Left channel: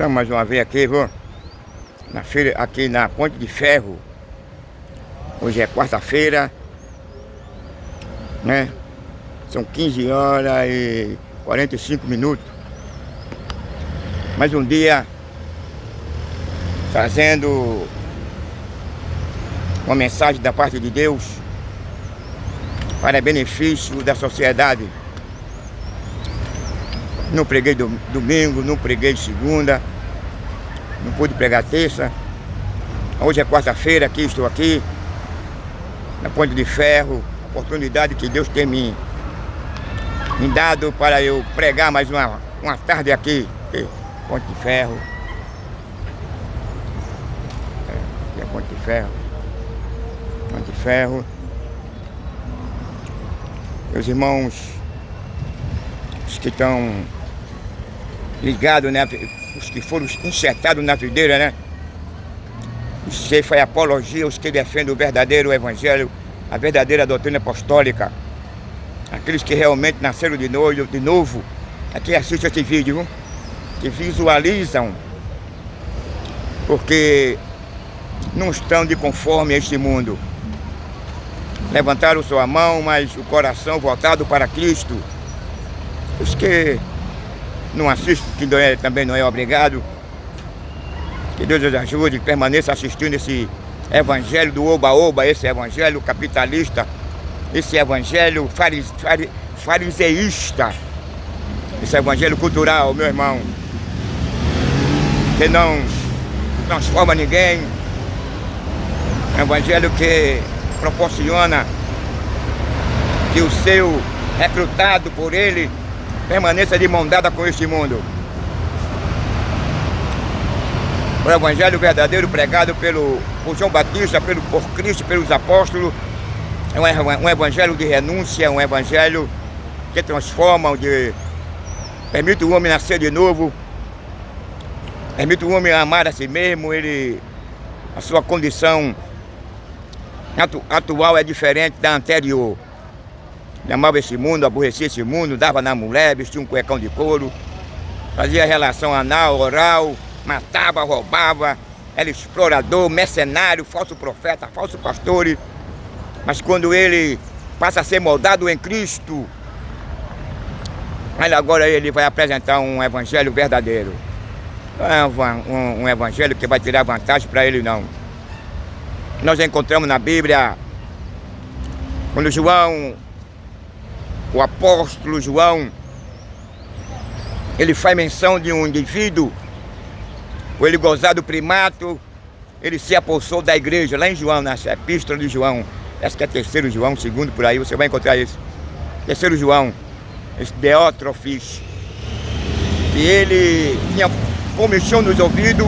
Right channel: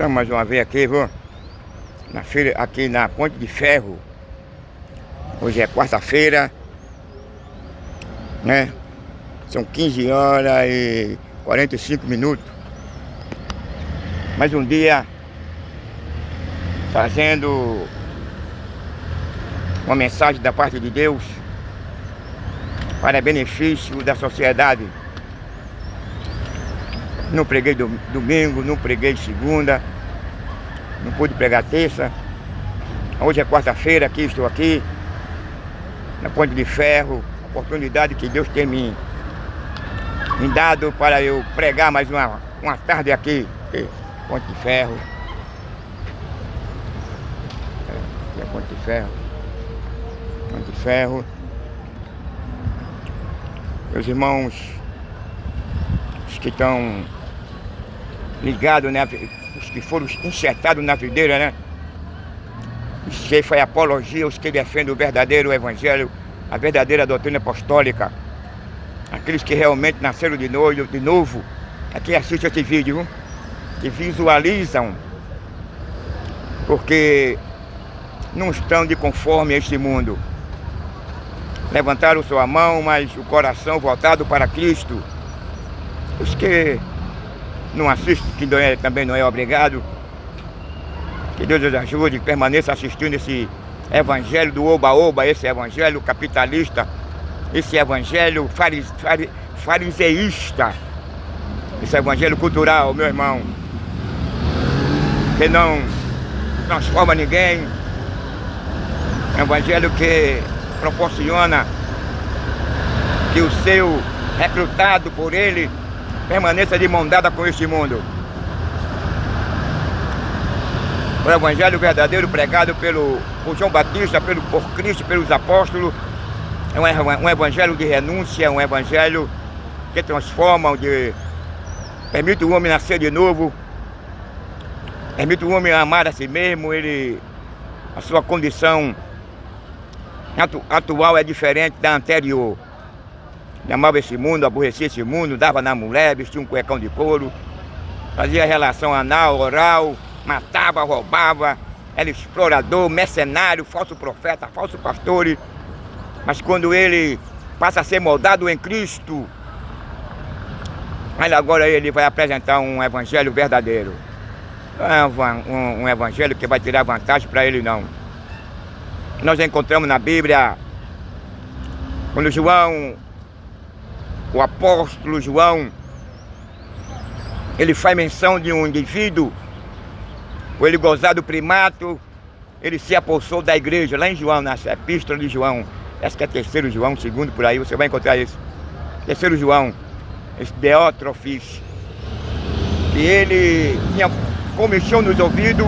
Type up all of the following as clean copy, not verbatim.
Estamos mais uma vez aqui, viu? Na feira, aqui na Ponte de Ferro. Hoje é quarta-feira, né? São 15 horas e 45 minutos. Mais um dia trazendo uma mensagem da parte de Deus para benefício da sociedade. Não preguei domingo, não preguei segunda, não pude pregar terça. Hoje é quarta-feira, estou aqui na Ponte de Ferro. Oportunidade que Deus tem me dado para eu pregar mais uma tarde aqui. Ponte de Ferro. Aqui é Ponte de Ferro. Ponte de Ferro. Meus irmãos, os que estão ligados, né? Os que foram enxertados na videira, né? Os que foi apologia, os que defendem o verdadeiro evangelho, a verdadeira doutrina apostólica. Aqueles que realmente nasceram de novo, aqui assistem esse vídeo, viu? Que visualizam, porque não estão de conforme a este mundo. Levantaram sua mão, mas o coração voltado para Cristo. Os que não assistem, que também não é obrigado, que Deus os ajude, permaneça assistindo esse evangelho do oba-oba, esse evangelho capitalista, esse evangelho fariseísta, esse evangelho cultural, meu irmão, que não transforma ninguém, evangelho que proporciona que o seu recrutado por ele permaneça de mão dada com este mundo. O evangelho verdadeiro pregado por João Batista, por Cristo, pelos apóstolos, é um evangelho de renúncia, um evangelho que transforma, permite o homem nascer de novo, permite o homem amar a si mesmo. A sua condição atual é diferente da anterior. Ele amava esse mundo, aborrecia esse mundo, dava na mulher, vestia um cuecão de couro, fazia relação anal, oral, matava, roubava, era explorador, mercenário, falso profeta, falso pastor. Mas quando ele passa a ser moldado em Cristo, agora ele vai apresentar um evangelho verdadeiro. Não é um evangelho que vai tirar vantagem para ele, não. Nós encontramos na Bíblia, quando João, o apóstolo João, ele faz menção de um indivíduo, ou ele gozar do primato, ele se apossou da igreja, lá em João, na epístola de João, essa que é terceiro João, segundo por aí, você vai encontrar isso. Terceiro João, esse Deótrofes, que ele tinha comichão nos ouvidos,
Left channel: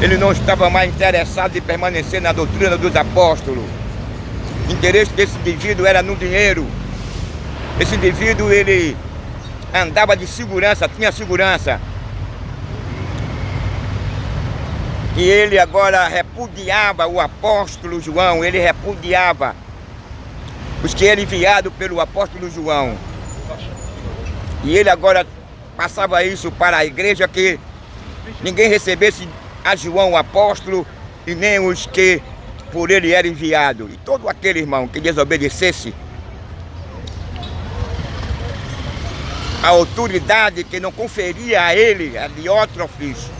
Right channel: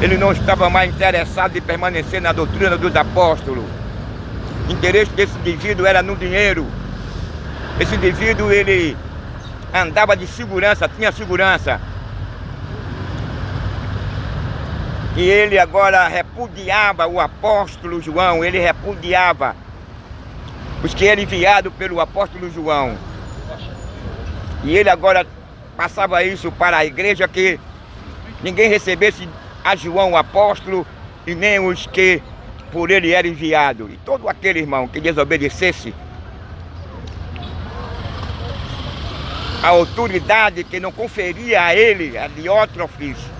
ele não estava mais interessado em permanecer na doutrina dos apóstolos. O interesse desse indivíduo era no dinheiro. Esse indivíduo, ele andava de segurança, tinha segurança. E ele agora repudiava o apóstolo João, ele repudiava os que eram enviados pelo apóstolo João. E ele agora passava isso para a igreja, que ninguém recebesse a João o apóstolo e nem os que por ele eram enviados. E todo aquele irmão que desobedecesse a autoridade que não conferia a ele, a Diótrofes,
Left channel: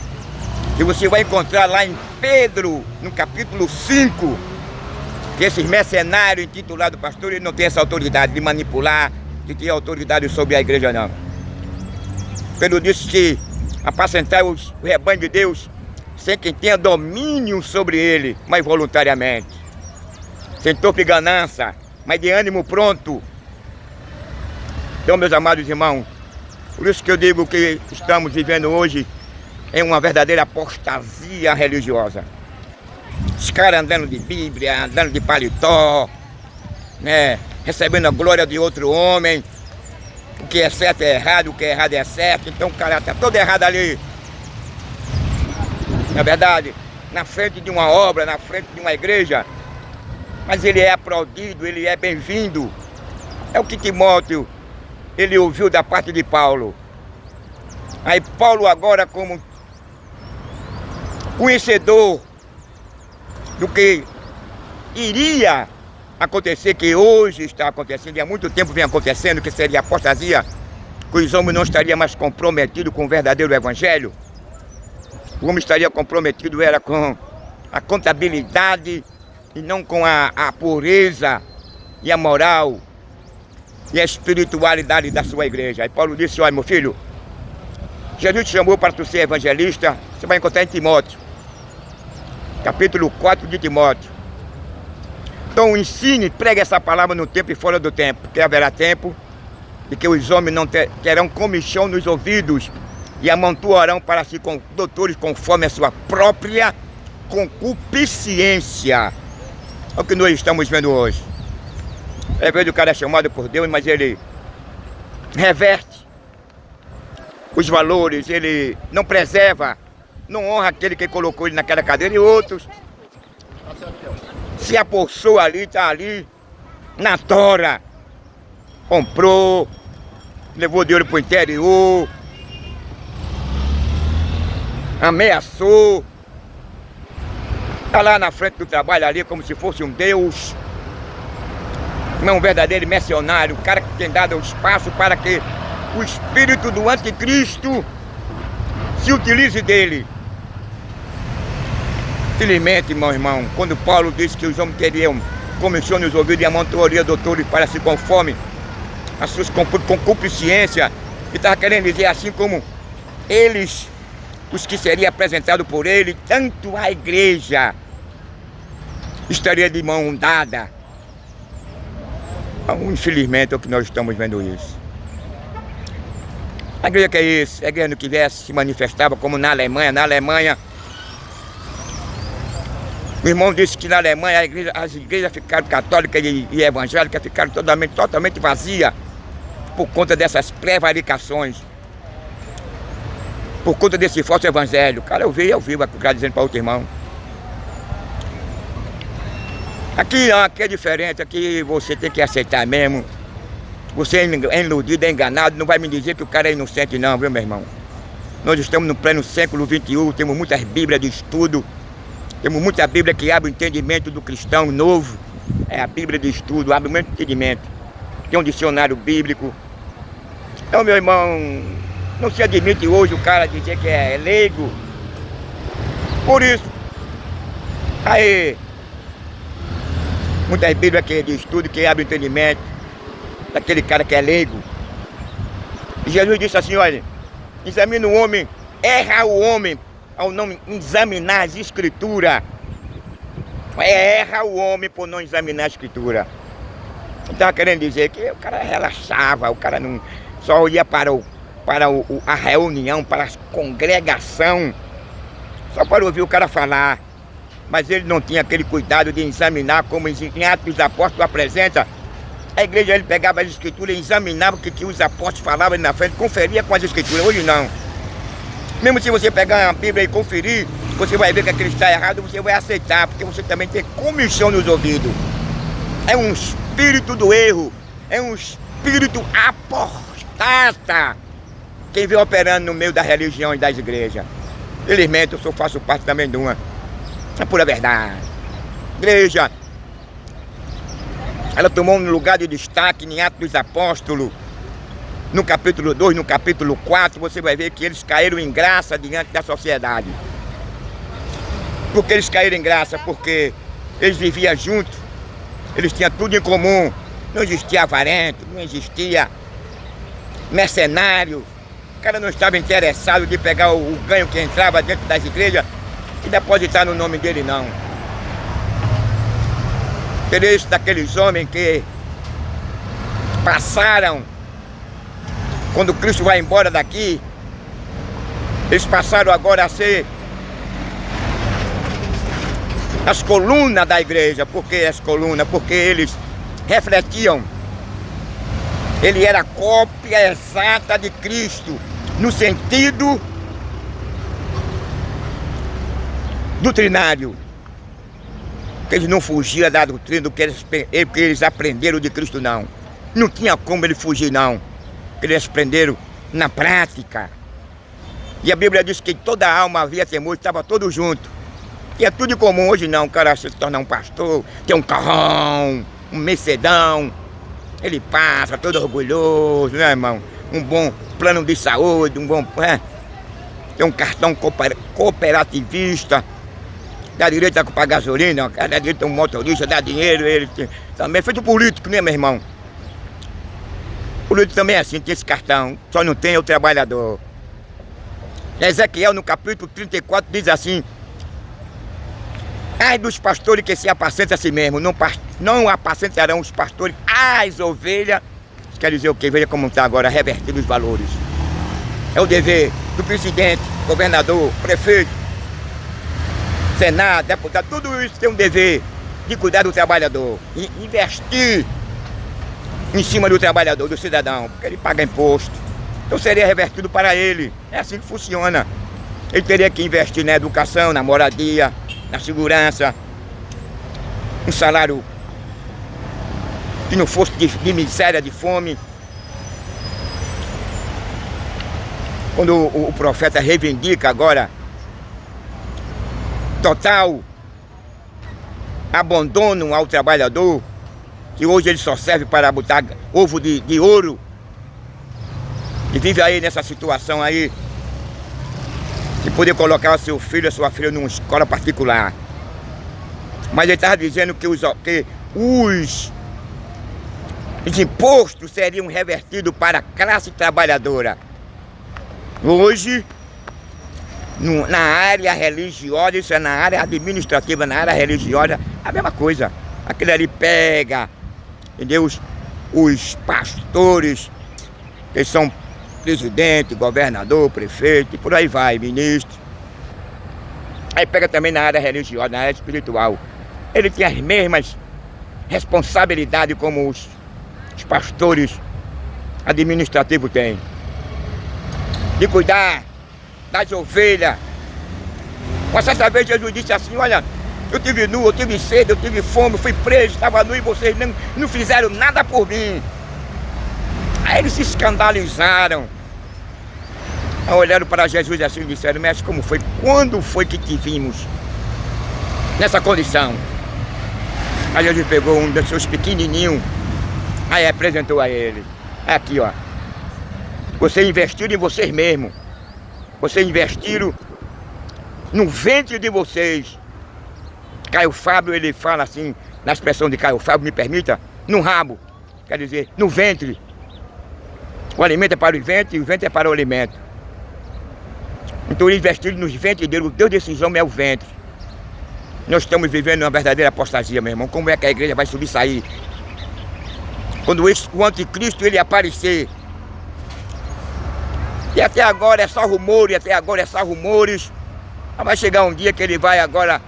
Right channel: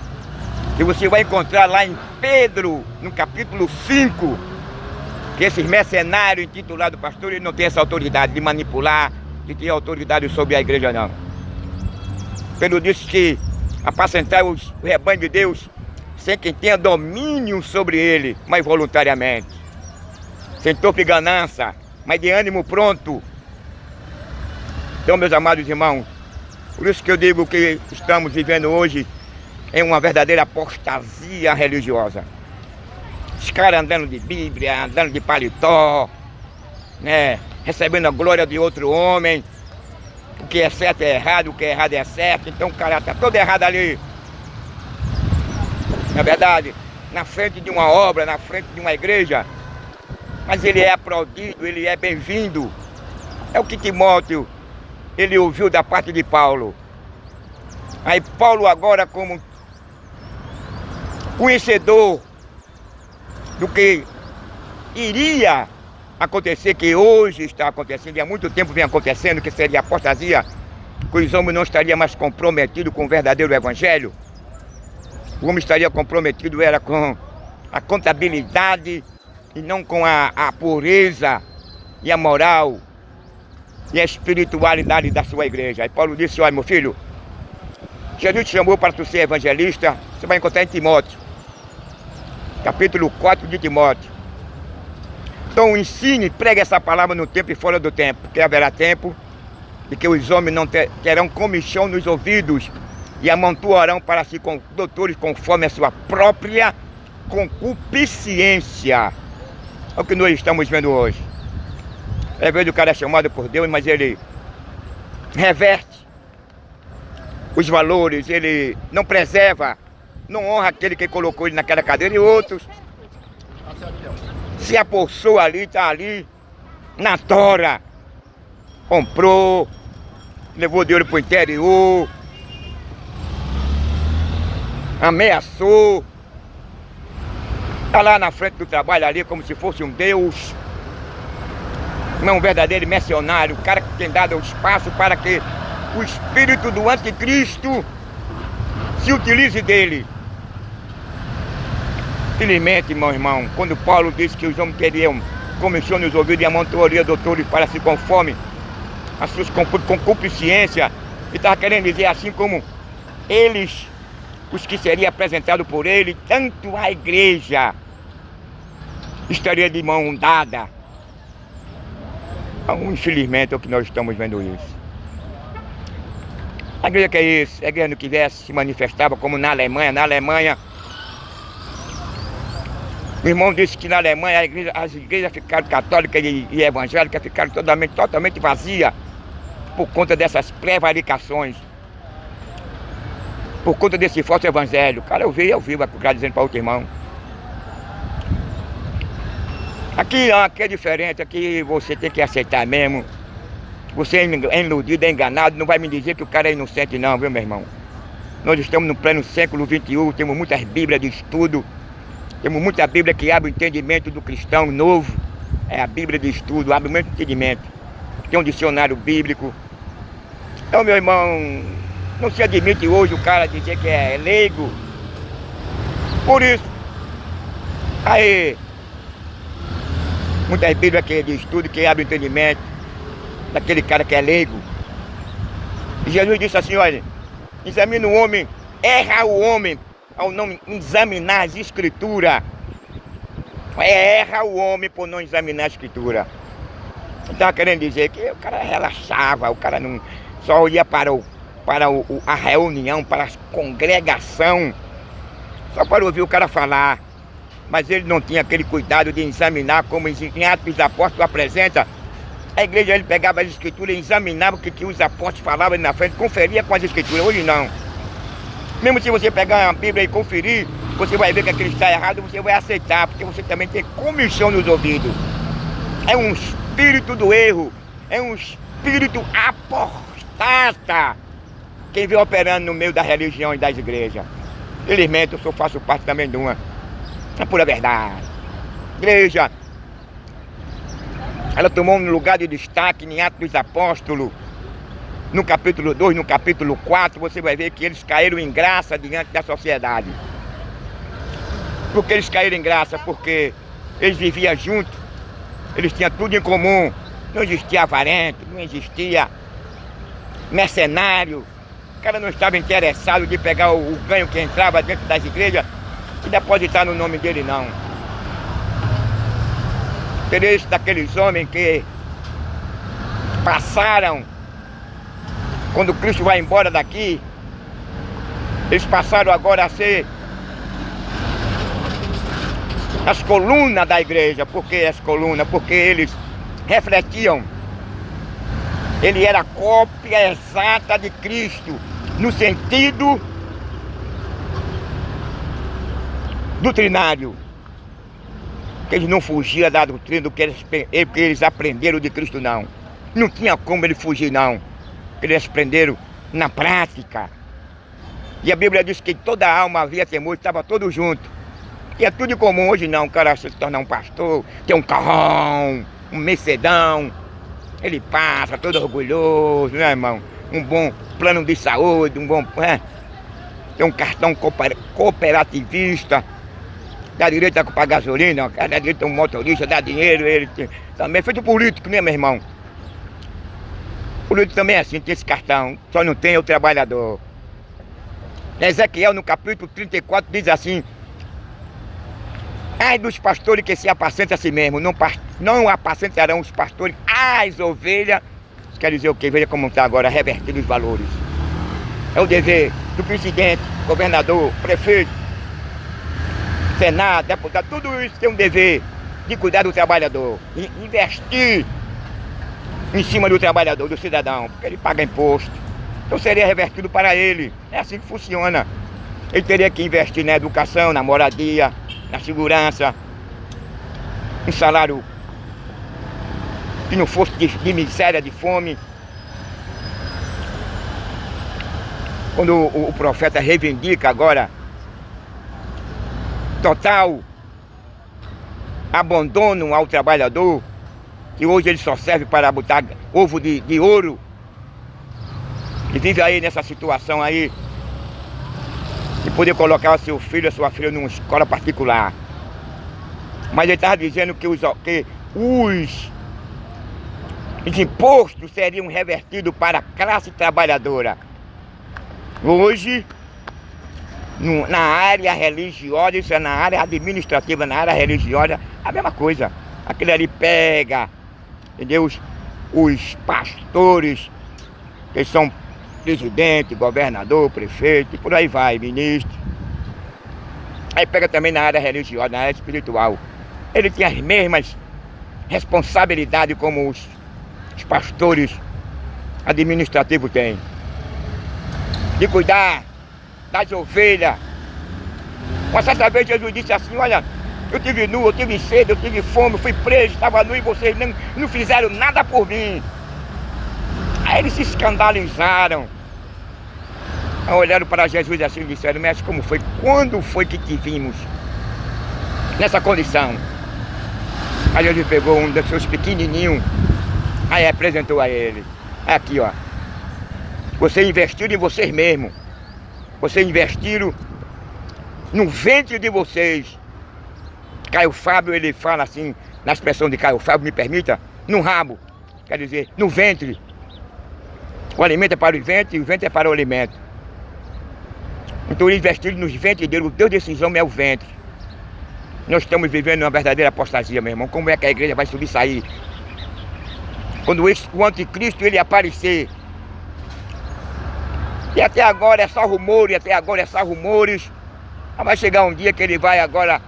que você vai encontrar lá em Pedro, no capítulo 5, que esses mercenários intitulados pastor, ele não tem essa autoridade de manipular, de ter autoridade sobre a igreja, não. Pedro disse que apacentar o rebanho de Deus sem quem tenha domínio sobre ele, mas voluntariamente, sem torpe ganância, mas de ânimo pronto. Então, meus amados irmãos, por isso que eu digo que estamos vivendo hoje em uma verdadeira apostasia religiosa. Os caras andando de Bíblia, andando de paletó, né? Recebendo a glória de outro homem. O que é certo é errado, o que é errado é certo. Então o cara está todo errado ali. Na verdade, na frente de uma obra, na frente de uma igreja. Mas ele é aplaudido, ele é bem-vindo. É o que Timóteo, ele ouviu da parte de Paulo. Aí Paulo agora, como conhecedor do que iria acontecer, que hoje está acontecendo, e há muito tempo vem acontecendo, que seria a apostasia, que os homens não estariam mais comprometidos com o verdadeiro evangelho. O homem estaria comprometido era com a contabilidade e não com a pureza e a moral e a espiritualidade da sua igreja. Aí Paulo disse: olha, meu filho, Jesus te chamou para tu ser evangelista. Você vai encontrar em Timóteo, capítulo 4 de Timóteo. Então ensine, pregue essa palavra no tempo e fora do tempo, porque haverá tempo de que os homens não terão comichão nos ouvidos e amontoarão para si com doutores conforme a sua própria concupiscência. É o que nós estamos vendo hoje. Às vezes o cara é chamado por Deus, mas ele reverte os valores, ele não preserva, não honra aquele que colocou ele naquela cadeira, e outros se apossou ali, está ali na tora, comprou, levou dinheiro para o interior, ameaçou, está lá na frente do trabalho ali como se fosse um Deus. Não é um verdadeiro missionário, o cara que tem dado espaço para que o espírito do anticristo se utilize dele. Felizmente, meu irmão, quando Paulo disse que os homens teriam comichão nos ouvidos e amontoaria doutores para se conforme as suas concupiscências, ele estava querendo dizer assim como eles, os que seriam apresentados por ele, tanto a igreja estaria de mão dada. Então, infelizmente é o que nós estamos vendo isso. A igreja que é isso, a igreja não quisesse se manifestava como na Alemanha. Na Alemanha, o irmão disse que na Alemanha as igrejas ficaram católicas e evangélicas ficaram totalmente vazias por conta dessas prevaricações, por conta desse falso evangelho. Cara, eu vi o cara dizendo para outro irmão. Aqui é diferente, aqui você tem que aceitar mesmo. Você é iludido, é enganado, não vai me dizer que o cara é inocente não, viu, meu irmão? Nós estamos no pleno século XXI, temos muitas bíblias de estudo, temos muita bíblia que abre o entendimento do cristão novo. É a bíblia de estudo, abre muito entendimento. Tem um dicionário bíblico. Então, meu irmão, não se admite hoje o cara dizer que é leigo. Por isso, aí, muitas bíblias que é de estudo, que abre o entendimento daquele cara que é leigo. E Jesus disse assim, olha, examina o homem, erra o homem ao não examinar as escrituras. Erra o homem por não examinar a escritura. Estava querendo dizer que o cara relaxava, o cara não só ia para a reunião, para a congregação, só para ouvir o cara falar. Mas ele não tinha aquele cuidado de examinar, como em Atos dos Apóstolos apresenta. A igreja, ele pegava as escrituras e examinava o que os apóstolos falavam ali na frente, conferia com as escrituras. Hoje não. Mesmo se você pegar a Bíblia e conferir, você vai ver que aquilo está errado, você vai aceitar, porque você também tem comichão nos ouvidos. É um espírito do erro, é um espírito apostata, quem vem operando no meio da religião e das igrejas. Felizmente, eu faço parte também de uma. É pura verdade. Igreja, ela tomou um lugar de destaque em Atos dos Apóstolos. No capítulo 2, no capítulo 4, você vai ver que eles caíram em graça diante da sociedade. Por que eles caíram em graça? Porque eles viviam juntos, eles tinham tudo em comum. Não existia avarento, não existia mercenário. O cara não estava interessado de pegar o ganho que entrava dentro das igrejas e depositar no nome dele, não. Interesse daqueles homens que passaram, quando Cristo vai embora daqui, eles passaram agora a ser as colunas da igreja. Por que as colunas? Porque eles refletiam. Ele era a cópia exata de Cristo, no sentido doutrinário. Que eles não fugiam da doutrina do que eles aprenderam de Cristo, não. Não tinha como ele fugir, não. Eles aprenderam na prática. E a Bíblia diz que toda alma havia temor, estava todo junto. E é tudo em comum. Hoje não, o cara se torna um pastor, tem um carrão, um Mercedão. Ele passa todo orgulhoso, né, irmão? Um bom plano de saúde, um bom... tem um cartão cooperativista. Dá direito a pagar gasolina, dá direito a um motorista, dá dinheiro, ele também é feito político, né, meu irmão? O político também é assim, tem esse cartão, só não tem o trabalhador. Ezequiel, no capítulo 34, diz assim: ai dos pastores que se apacentam a si mesmo, não apacentarão os pastores as ovelhas. Isso quer dizer o quê? Veja como está agora, revertido os valores. É o dever do presidente, governador, prefeito, Senado, deputado, tudo isso tem um dever de cuidar do trabalhador, investir em cima do trabalhador, do cidadão, porque ele paga imposto. Então seria revertido para ele. É assim que funciona. Ele teria que investir na educação, na moradia, na segurança, um salário que não fosse de miséria, de fome. Quando o profeta reivindica agora total abandono ao trabalhador, que hoje ele só serve para botar ovo de ouro, e vive aí nessa situação aí, de poder colocar o seu filho, a sua filha numa escola particular. Mas ele estava dizendo que os impostos seriam revertidos para a classe trabalhadora. Hoje, na área religiosa, isso é na área administrativa, na área religiosa, a mesma coisa. Aquele ali pega, entendeu? Os pastores, eles são presidente, governador, prefeito, e por aí vai, ministro. Aí pega também na área religiosa, na área espiritual. Ele tem as mesmas responsabilidades como os pastores administrativos têm. De cuidar das ovelhas. Uma certa vez Jesus disse assim: olha, eu tive nu, eu tive sede, eu tive fome, eu fui preso, estava nu e vocês não fizeram nada por mim. Aí eles se escandalizaram. Aí olharam para Jesus assim e disseram: mestre, como foi? Quando foi que te vimos nessa condição? Aí Jesus pegou um dos seus pequenininhos, aí apresentou a ele. Aqui, ó. Vocês investiram em vocês mesmos. Vocês investiram no ventre de vocês. Caio Fábio, ele fala assim, na expressão de Caio Fábio, me permita, no rabo. Quer dizer, no ventre. O alimento é para o ventre e o ventre é para o alimento. Então eles investiram nos ventres dele. O Deus desses homens é o ventre. Nós estamos vivendo uma verdadeira apostasia, meu irmão. Como é que a igreja vai subir e sair? Quando o anticristo ele aparecer. E até agora é só rumores, Mas vai chegar um dia que ele vai agora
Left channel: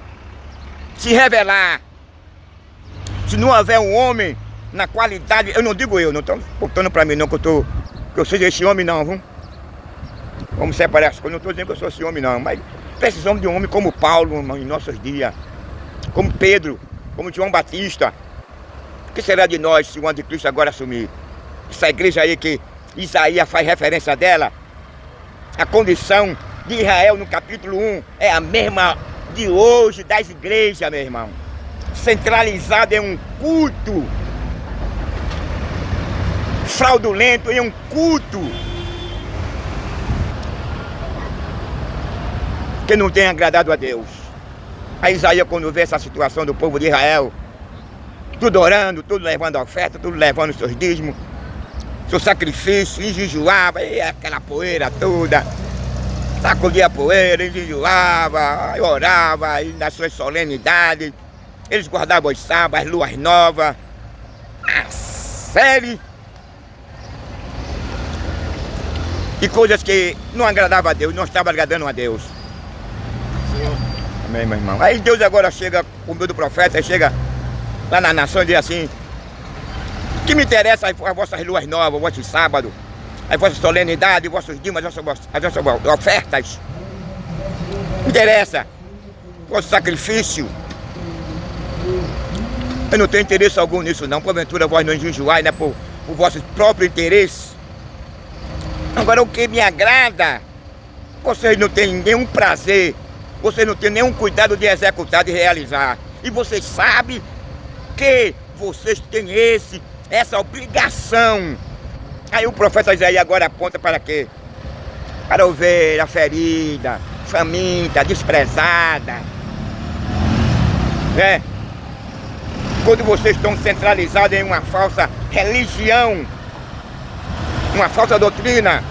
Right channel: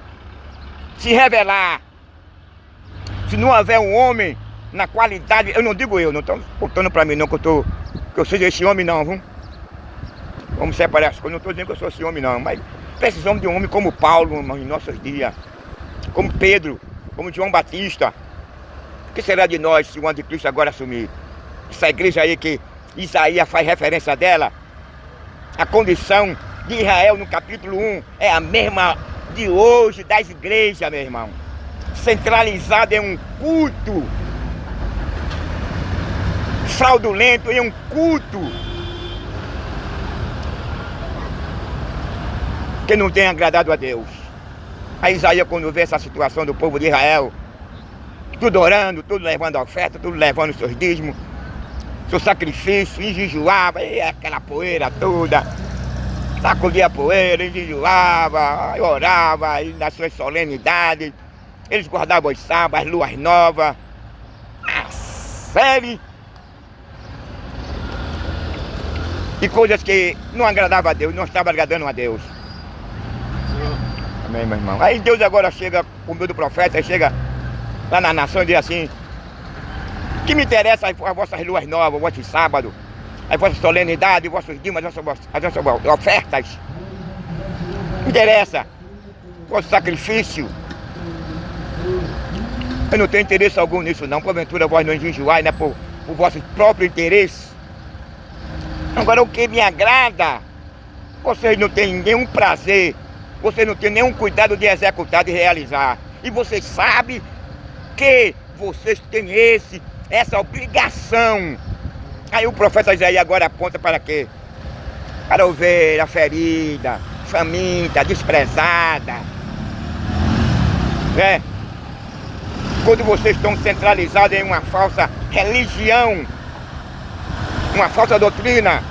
se revelar. Se não houver um homem na qualidade, eu não digo eu, não estou botando para mim não, que eu seja esse homem não, viu? Vamos separar as coisas, não estou dizendo que eu sou esse homem não, mas precisamos de um homem como Paulo em nossos dias, como Pedro, como João Batista. O que será de nós se o anticristo agora assumir? Essa igreja aí que Isaías faz referência dela, a condição de Israel no capítulo 1 é a mesma de hoje das igrejas, meu irmão. Centralizada em um culto fraudulento, em um culto que não tem agradado a Deus. A Isaías, quando vê essa situação do povo de Israel, tudo orando, tudo levando oferta, tudo levando seus dízimos, seu sacrifício, enjejuava, e aquela poeira toda, sacudia a poeira, enjejuava, orava, e nas suas solenidades, eles guardavam os sábados, as luas novas, a série de coisas que não agradavam a Deus, não estavam agradando a Deus. Amém, meu irmão. Aí Deus agora chega, o meio do profeta, chega lá na nação e diz assim: que me interessa as vossas luas novas, os vossos sábados, as vossas solenidades, os vossos dízimos, as vossas ofertas. Me interessa o vosso sacrifício. Eu não tenho interesse algum nisso não. Porventura vós não enjejuai, né, por vosso próprio interesse. Agora o que me agrada Vocês não têm nenhum prazer, vocês não têm nenhum cuidado de executar, de realizar. E vocês sabem que vocês têm essa obrigação. Aí o profeta Isaías agora aponta para quê? Para a ovelha ferida, faminta, desprezada. Quando vocês estão centralizados em uma falsa religião, uma falsa doutrina,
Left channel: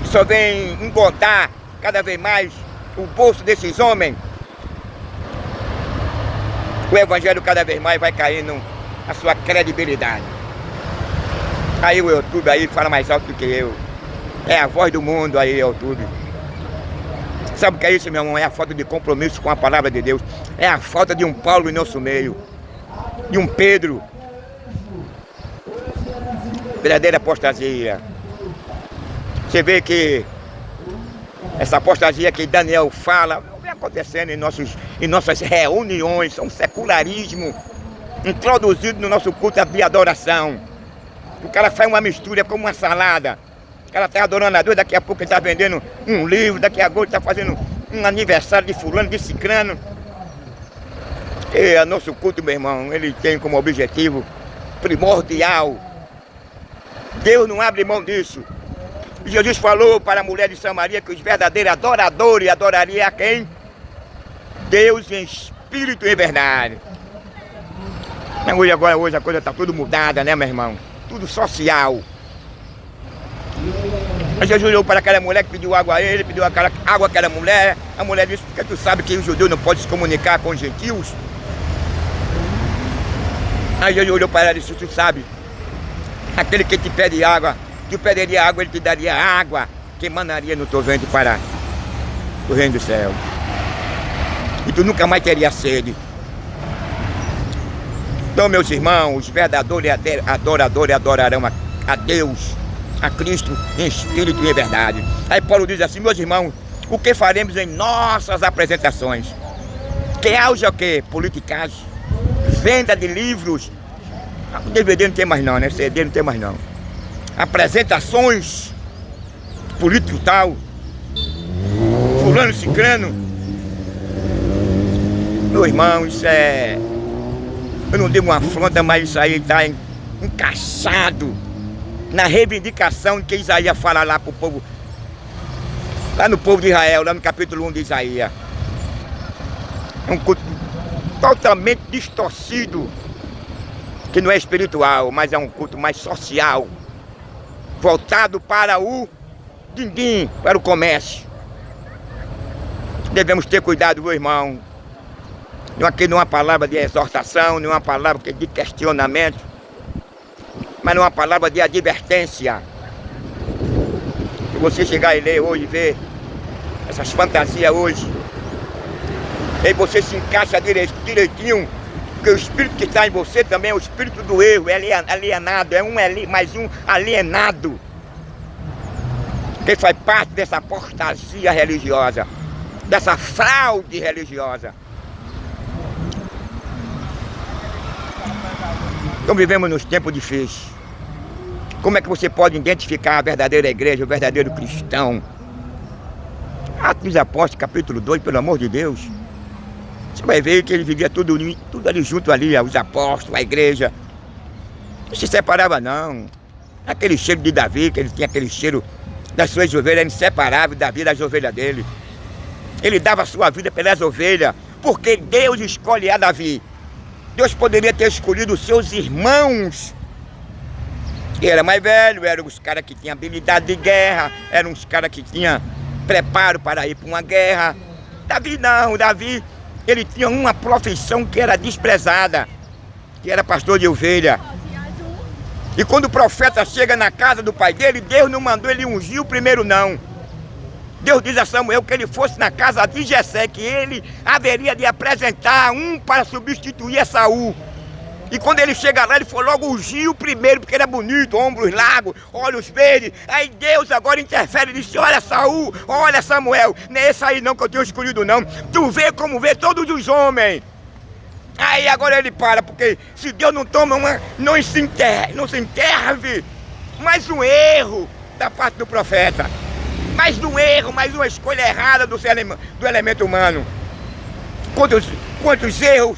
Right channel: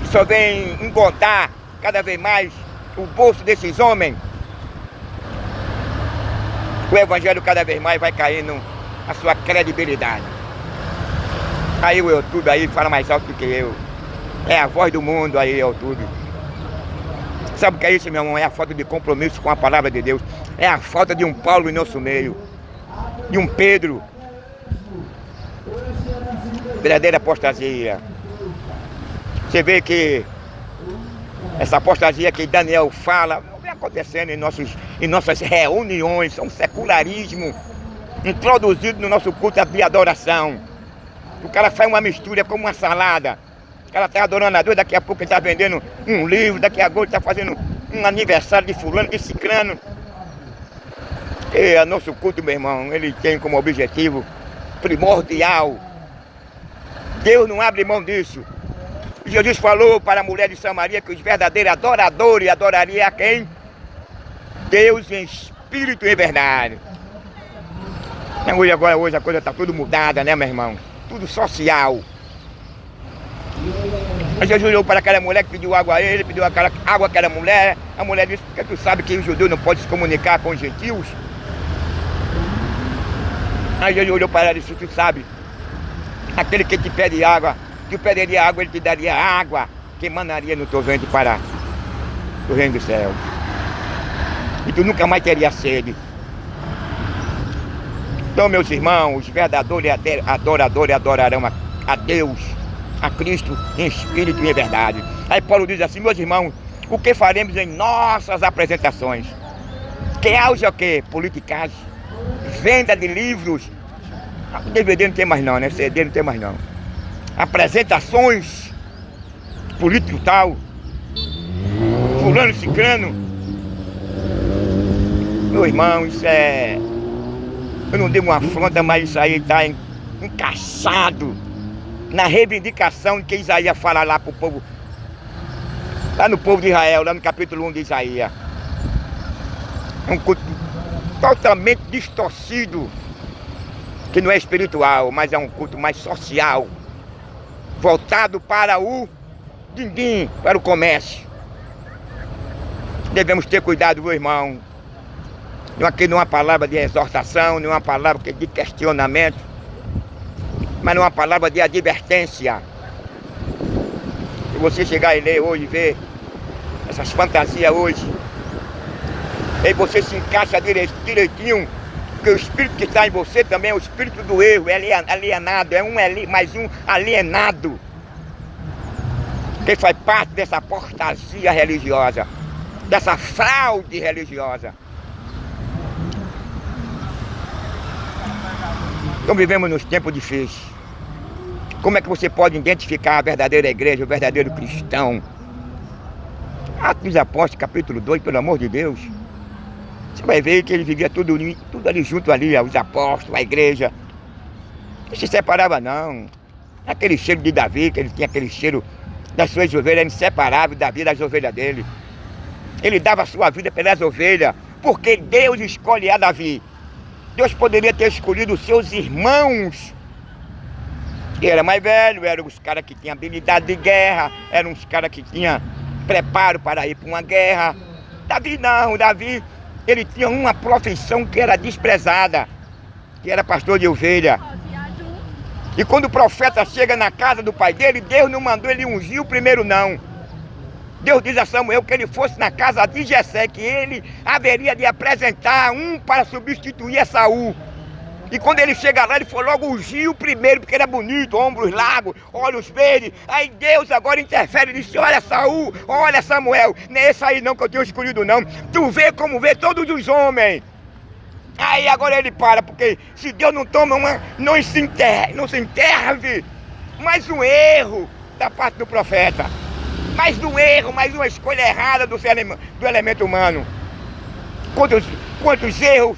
que só vem engordar cada vez mais o bolso desses homens, o evangelho cada vez mais vai caindo a sua credibilidade. Aí o YouTube aí fala mais alto do que eu. É a voz do mundo aí, YouTube. Sabe o que é isso, meu irmão? É a falta de compromisso com a palavra de Deus. É a falta de um Paulo em nosso meio, de um Pedro. Verdadeira apostasia. Você vê que essa apostasia que Daniel fala não vem acontecendo em nossas reuniões. É um secularismo introduzido no nosso culto de adoração. O cara faz uma mistura como uma salada. O cara está adorando a Deus, daqui a pouco ele está vendendo um livro, daqui a pouco ele está fazendo um aniversário de fulano, de cicrano. E o nosso culto, meu irmão, ele tem como objetivo primordial. Deus não abre mão disso. Jesus falou para a mulher de Samaria que os verdadeiros adoradores adorariam a quem? Deus em espírito e em verdade. Hoje a coisa está tudo mudada, né, meu irmão? Tudo social. Aí Jesus olhou para aquela mulher que pediu água a ele, pediu água àquela mulher. A mulher disse: porque tu sabe que os judeus não podem se comunicar com os gentios? Aí Jesus olhou para ela e disse: tu sabe, aquele que te pede água, tu pediria água, ele te daria água que emanaria no teu ventre para o reino do céu. E tu nunca mais teria sede. Então, meus irmãos, os verdadeiros adoradores adorarão a Deus, a Cristo em espírito e em verdade. Aí Paulo diz assim: meus irmãos, o que faremos em nossas apresentações? Que haja o quê? Politicagem, venda de livros. O DVD não tem mais não, né? CD não tem mais não. Apresentações, político tal, fulano, cicrano. Meu irmão, isso é... eu não digo uma afronta, mas isso aí está encaixado na reivindicação que Isaías fala lá para o povo, lá no povo de Israel, lá no capítulo 1 de Isaías. É um culto totalmente distorcido, que não é espiritual, mas é um culto mais social, voltado para o din-din, para o comércio. Devemos ter cuidado, meu irmão. Aqui não é uma palavra de exortação, não é uma palavra de questionamento, mas não é uma palavra de advertência. Se você chegar e ler hoje, ver essas fantasias hoje, aí você se encaixa direitinho, porque o espírito que está em você também é o espírito do erro, é alienado, é mais um alienado, que faz parte dessa apostasia religiosa, dessa fraude religiosa. Então vivemos nos tempos difíceis. Como é que você pode identificar a verdadeira igreja, o verdadeiro cristão? Atos dos Apóstolos, capítulo 2, pelo amor de Deus. Você vai ver que ele vivia tudo ali junto ali, os apóstolos, a igreja. Não se separava não. Aquele cheiro de Davi, que ele tinha aquele cheiro das suas ovelhas, era inseparável da vida das ovelhas dele. Ele dava a sua vida pelas ovelhas, porque Deus escolhe a Davi. Deus poderia ter escolhido os seus irmãos. Ele era mais velho, eram os caras que tinham habilidade de guerra, eram os caras que tinham preparo para ir para uma guerra. Davi não, Davi, ele tinha uma profissão que era desprezada, que era pastor de ovelha. E quando o profeta chega na casa do pai dele, Deus não mandou ele ungir o primeiro não. Deus diz a Samuel que ele fosse na casa de Jessé, que ele haveria de apresentar um para substituir a Saul. E quando ele chega lá, ele foi logo ungir o primeiro, porque era bonito, ombros largos, olhos verdes. Aí Deus agora interfere e disse: olha Saul, olha Samuel, não é esse aí não que eu tenho escolhido não. Tu vê como vê todos os homens. Aí agora ele para, porque se Deus não toma uma, não se interve, mais um erro da parte do profeta. Mais um erro, mais uma escolha errada do elemento humano. Quantos erros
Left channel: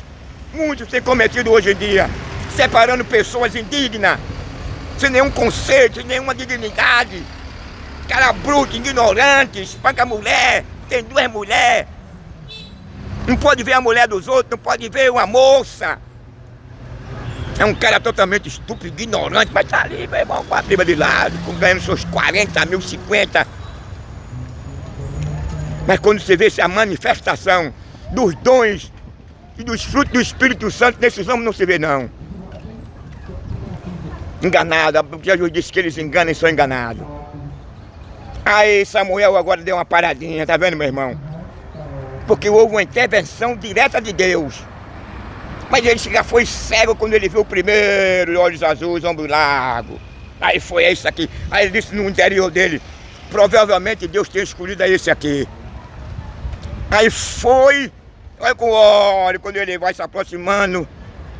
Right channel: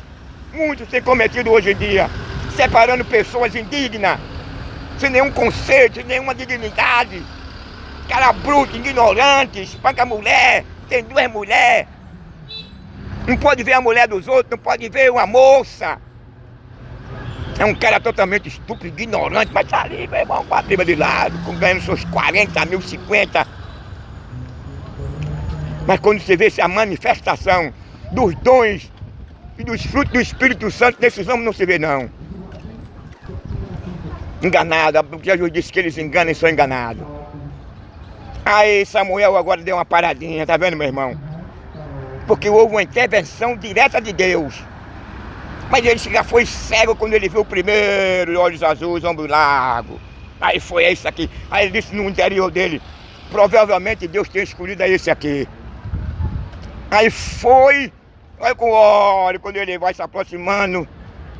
muitos têm cometido hoje em dia, separando pessoas indignas, sem nenhum conceito, sem nenhuma dignidade. Cara bruto, ignorante, espanca a mulher, tem 2 mulheres. Não pode ver a mulher dos outros, não pode ver uma moça. É um cara totalmente estúpido, ignorante, mas tá ali, meu irmão, com a prima de lado, ganhando seus 40 mil, 50. Mas quando você vê essa manifestação dos dons e dos frutos do Espírito Santo, nesses homens não se vê não. Enganado, porque Jesus disse que eles enganam e são enganados. Aí Samuel agora deu uma paradinha, tá vendo, meu irmão? Porque houve uma intervenção direta de Deus. Mas ele já foi cego quando ele viu o primeiro, olhos azuis, ombro largo. Aí foi esse aqui. Aí ele disse no interior dele, provavelmente Deus tem escolhido esse aqui. Aí foi, olha com óleo, quando ele vai se aproximando.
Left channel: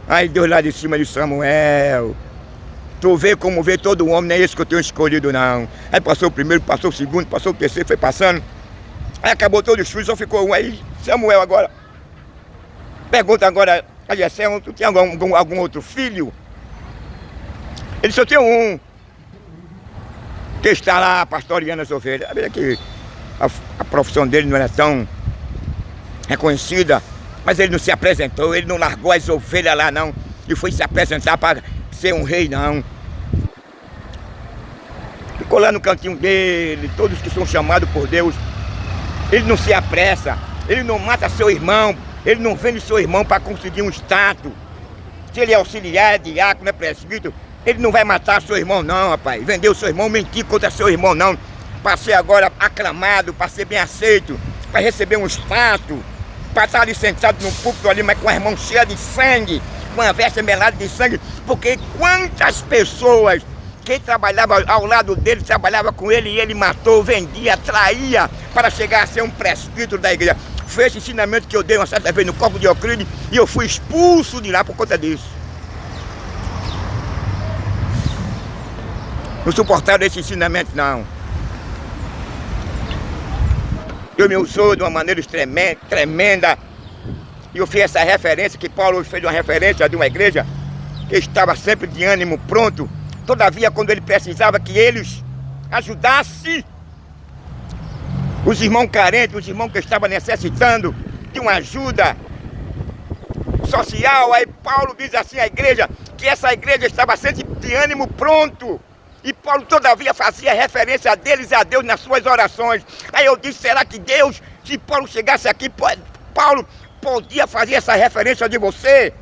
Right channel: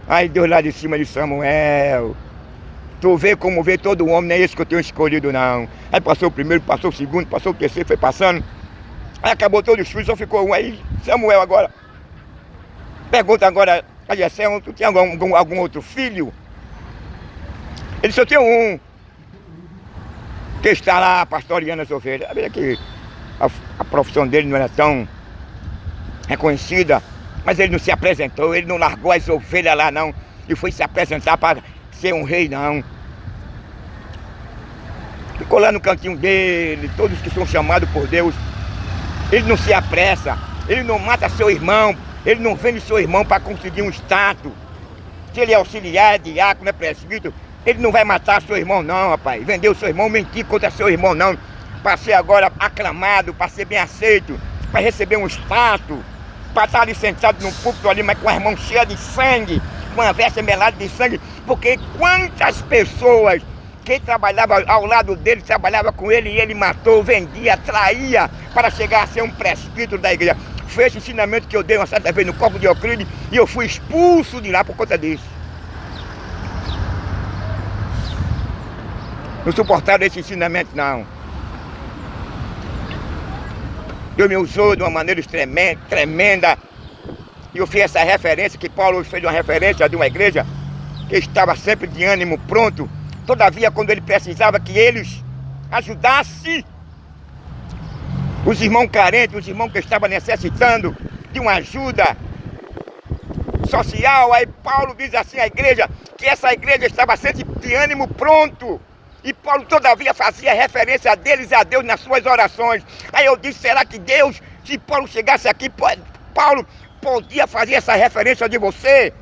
Aí Deus lá de cima de Samuel. Tu vê como vê todo homem, não é esse que eu tenho escolhido não. Aí passou o primeiro, passou o segundo, passou o terceiro, foi passando. Aí acabou todos os filhos, só ficou um. Aí Samuel agora pergunta agora a Jessé, tu tem algum outro filho? Ele só tem um, que está lá pastoreando as ovelhas. Veja que a profissão dele não era tão reconhecida, mas ele não se apresentou, ele não largou as ovelhas lá não, e foi se apresentar para ser um rei não. Ficou lá no cantinho dele, todos que são chamados por Deus. Ele não se apressa, ele não mata seu irmão, ele não vende seu irmão para conseguir um status. Se ele é auxiliar, é diácono, é presbítero, ele não vai matar seu irmão não, rapaz. Vender o seu irmão, mentir contra seu irmão não. Para ser agora aclamado, para ser bem aceito, para receber um status, para estar ali sentado num púlpito ali, mas com as mãos cheias de sangue, com a veste melada de sangue. Porque quantas pessoas que trabalhava ao lado dele, trabalhava com ele e ele matou, vendia, traía para chegar a ser um presbítero da igreja. Foi esse ensinamento que eu dei uma certa vez no Corpo de Euclides e eu fui expulso de lá por conta disso. Não suportaram esse ensinamento não. Eu me usou de uma maneira tremenda. E eu fiz essa referência, que Paulo fez uma referência de uma igreja que estava sempre de ânimo pronto. Todavia, quando ele precisava que eles ajudassem os irmãos carentes, os irmãos que estavam necessitando de uma ajuda social, aí Paulo diz assim à igreja, que essa igreja estava sempre de ânimo pronto. E Paulo todavia fazia referência a deles e a Deus nas suas orações. Aí eu disse, será que Deus, se Paulo chegasse aqui, Paulo podia fazer essa referência de você?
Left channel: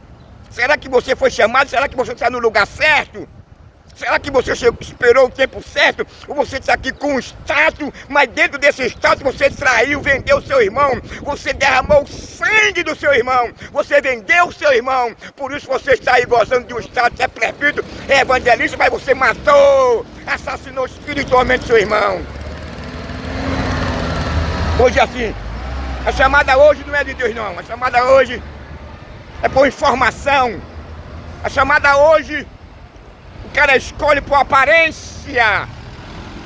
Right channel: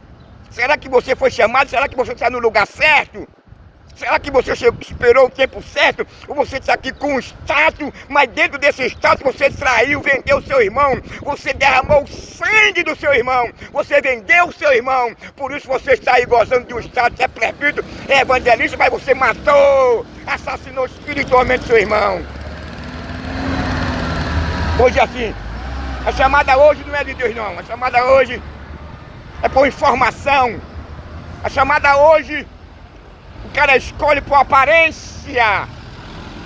Será que você foi chamado? Será que você está no lugar certo? Será que você esperou o tempo certo? Ou você está aqui com um status, mas dentro desse status você traiu, vendeu o seu irmão, você derramou o sangue do seu irmão, você vendeu o seu irmão, por isso você está aí gozando de um status, é presbítero, é evangelista, mas você matou, assassinou espiritualmente seu irmão. Hoje assim, a chamada hoje não é de Deus não, a chamada hoje é por informação, a chamada hoje o cara escolhe por aparência.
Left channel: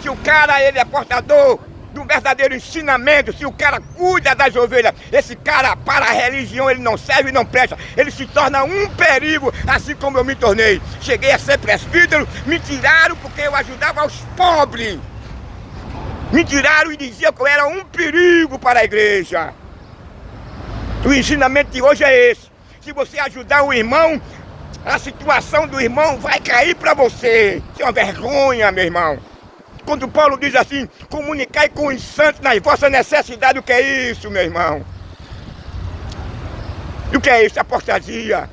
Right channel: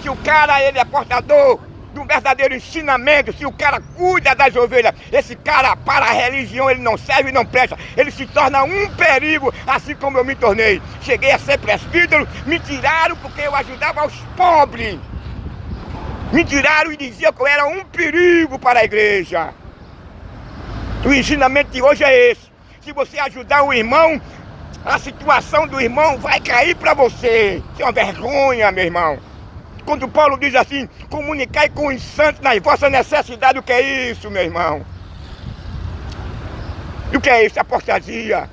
Se o cara ele é portador de um verdadeiro ensinamento, se o cara cuida das ovelhas, esse cara para a religião ele não serve e não presta. Ele se torna um perigo, assim como eu me tornei. Cheguei a ser presbítero, me tiraram porque eu ajudava os pobres. Me tiraram e diziam que eu era um perigo para a igreja. O ensinamento de hoje é esse. Se você ajudar o irmão, a situação do irmão vai cair para você. Isso é uma vergonha, meu irmão. Quando Paulo diz assim, comunicai com os santos nas vossas necessidades, o que é isso, meu irmão? E o que é isso? Apostasia.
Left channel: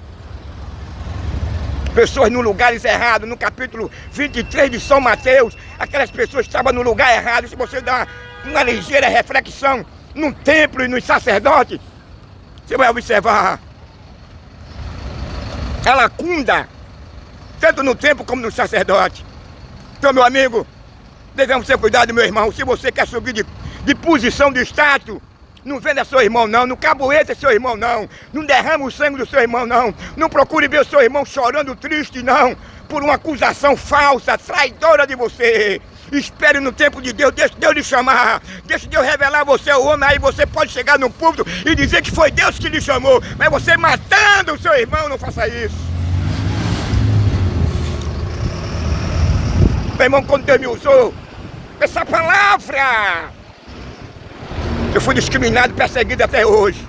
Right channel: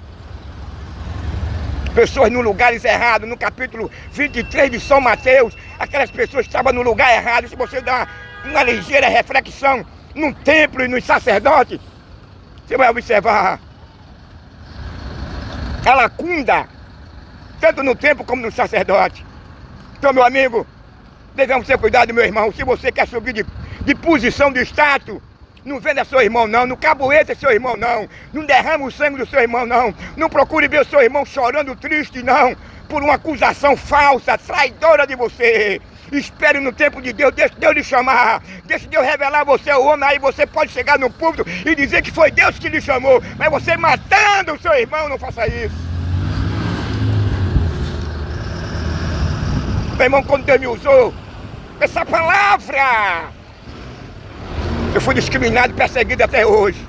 Pessoas no lugares errados, no capítulo 23 de São Mateus, aquelas pessoas estavam no lugar errado. Se você dá uma ligeira reflexão no templo e nos sacerdotes, você vai observar a lacuna, tanto no templo como no sacerdote. Então, meu amigo, devemos ter cuidado, meu irmão. Se você quer subir de posição, de status, não venda seu irmão não, não caboeta seu irmão não, não derrama o sangue do seu irmão não, não procure ver o seu irmão chorando triste não, por uma acusação falsa, traidora de você. Espere no tempo de Deus, deixe Deus lhe chamar, deixe Deus revelar a você o homem, aí você pode chegar no púlpito e dizer que foi Deus que lhe chamou, mas você matando o seu irmão, não faça isso. Meu irmão, quando Deus me usou, essa palavra, eu fui discriminado e perseguido até hoje.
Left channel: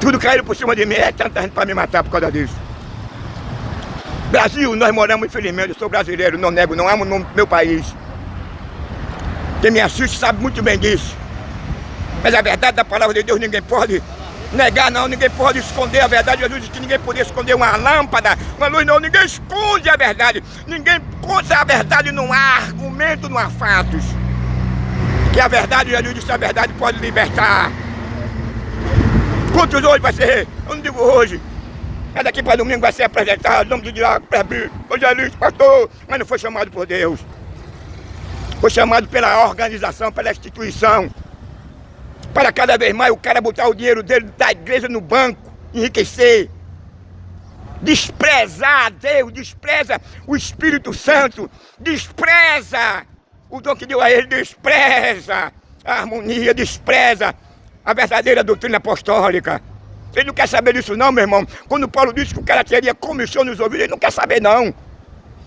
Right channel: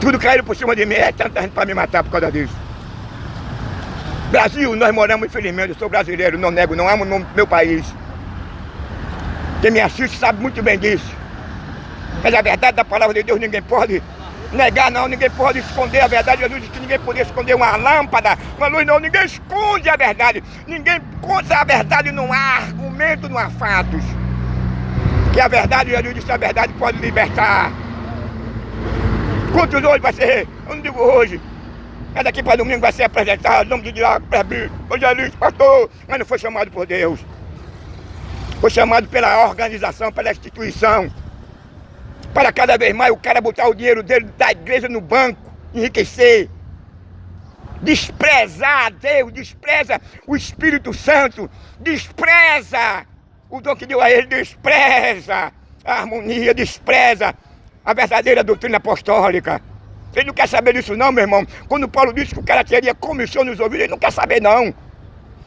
Tudo caiu por cima de mim, é tanta gente para me matar por causa disso. Brasil, nós moramos, infelizmente, eu sou brasileiro, não nego, não amo o meu país. Quem me assiste sabe muito bem disso. Mas a verdade da palavra de Deus ninguém pode negar, não, ninguém pode esconder a verdade. Jesus disse que ninguém podia esconder uma lâmpada, uma luz, não, ninguém esconde a verdade. Ninguém conta a verdade, não há argumento, não há fatos. Que a verdade, Jesus disse que a verdade pode libertar. Quantos hoje vai ser? Eu não digo hoje. Mas daqui para domingo vai ser apresentado, nome de diácono, presbítero, evangelista, pastor, mas não foi chamado por Deus. Foi chamado pela organização, pela instituição. Para cada vez mais o cara botar o dinheiro dele da igreja no banco, enriquecer. Desprezar Deus, despreza o Espírito Santo, despreza o dom que deu a ele, despreza a harmonia, despreza a verdadeira doutrina apostólica. Ele não quer saber disso não, meu irmão. Quando Paulo disse que o cara teria comissão nos ouvidos, ele não quer saber não.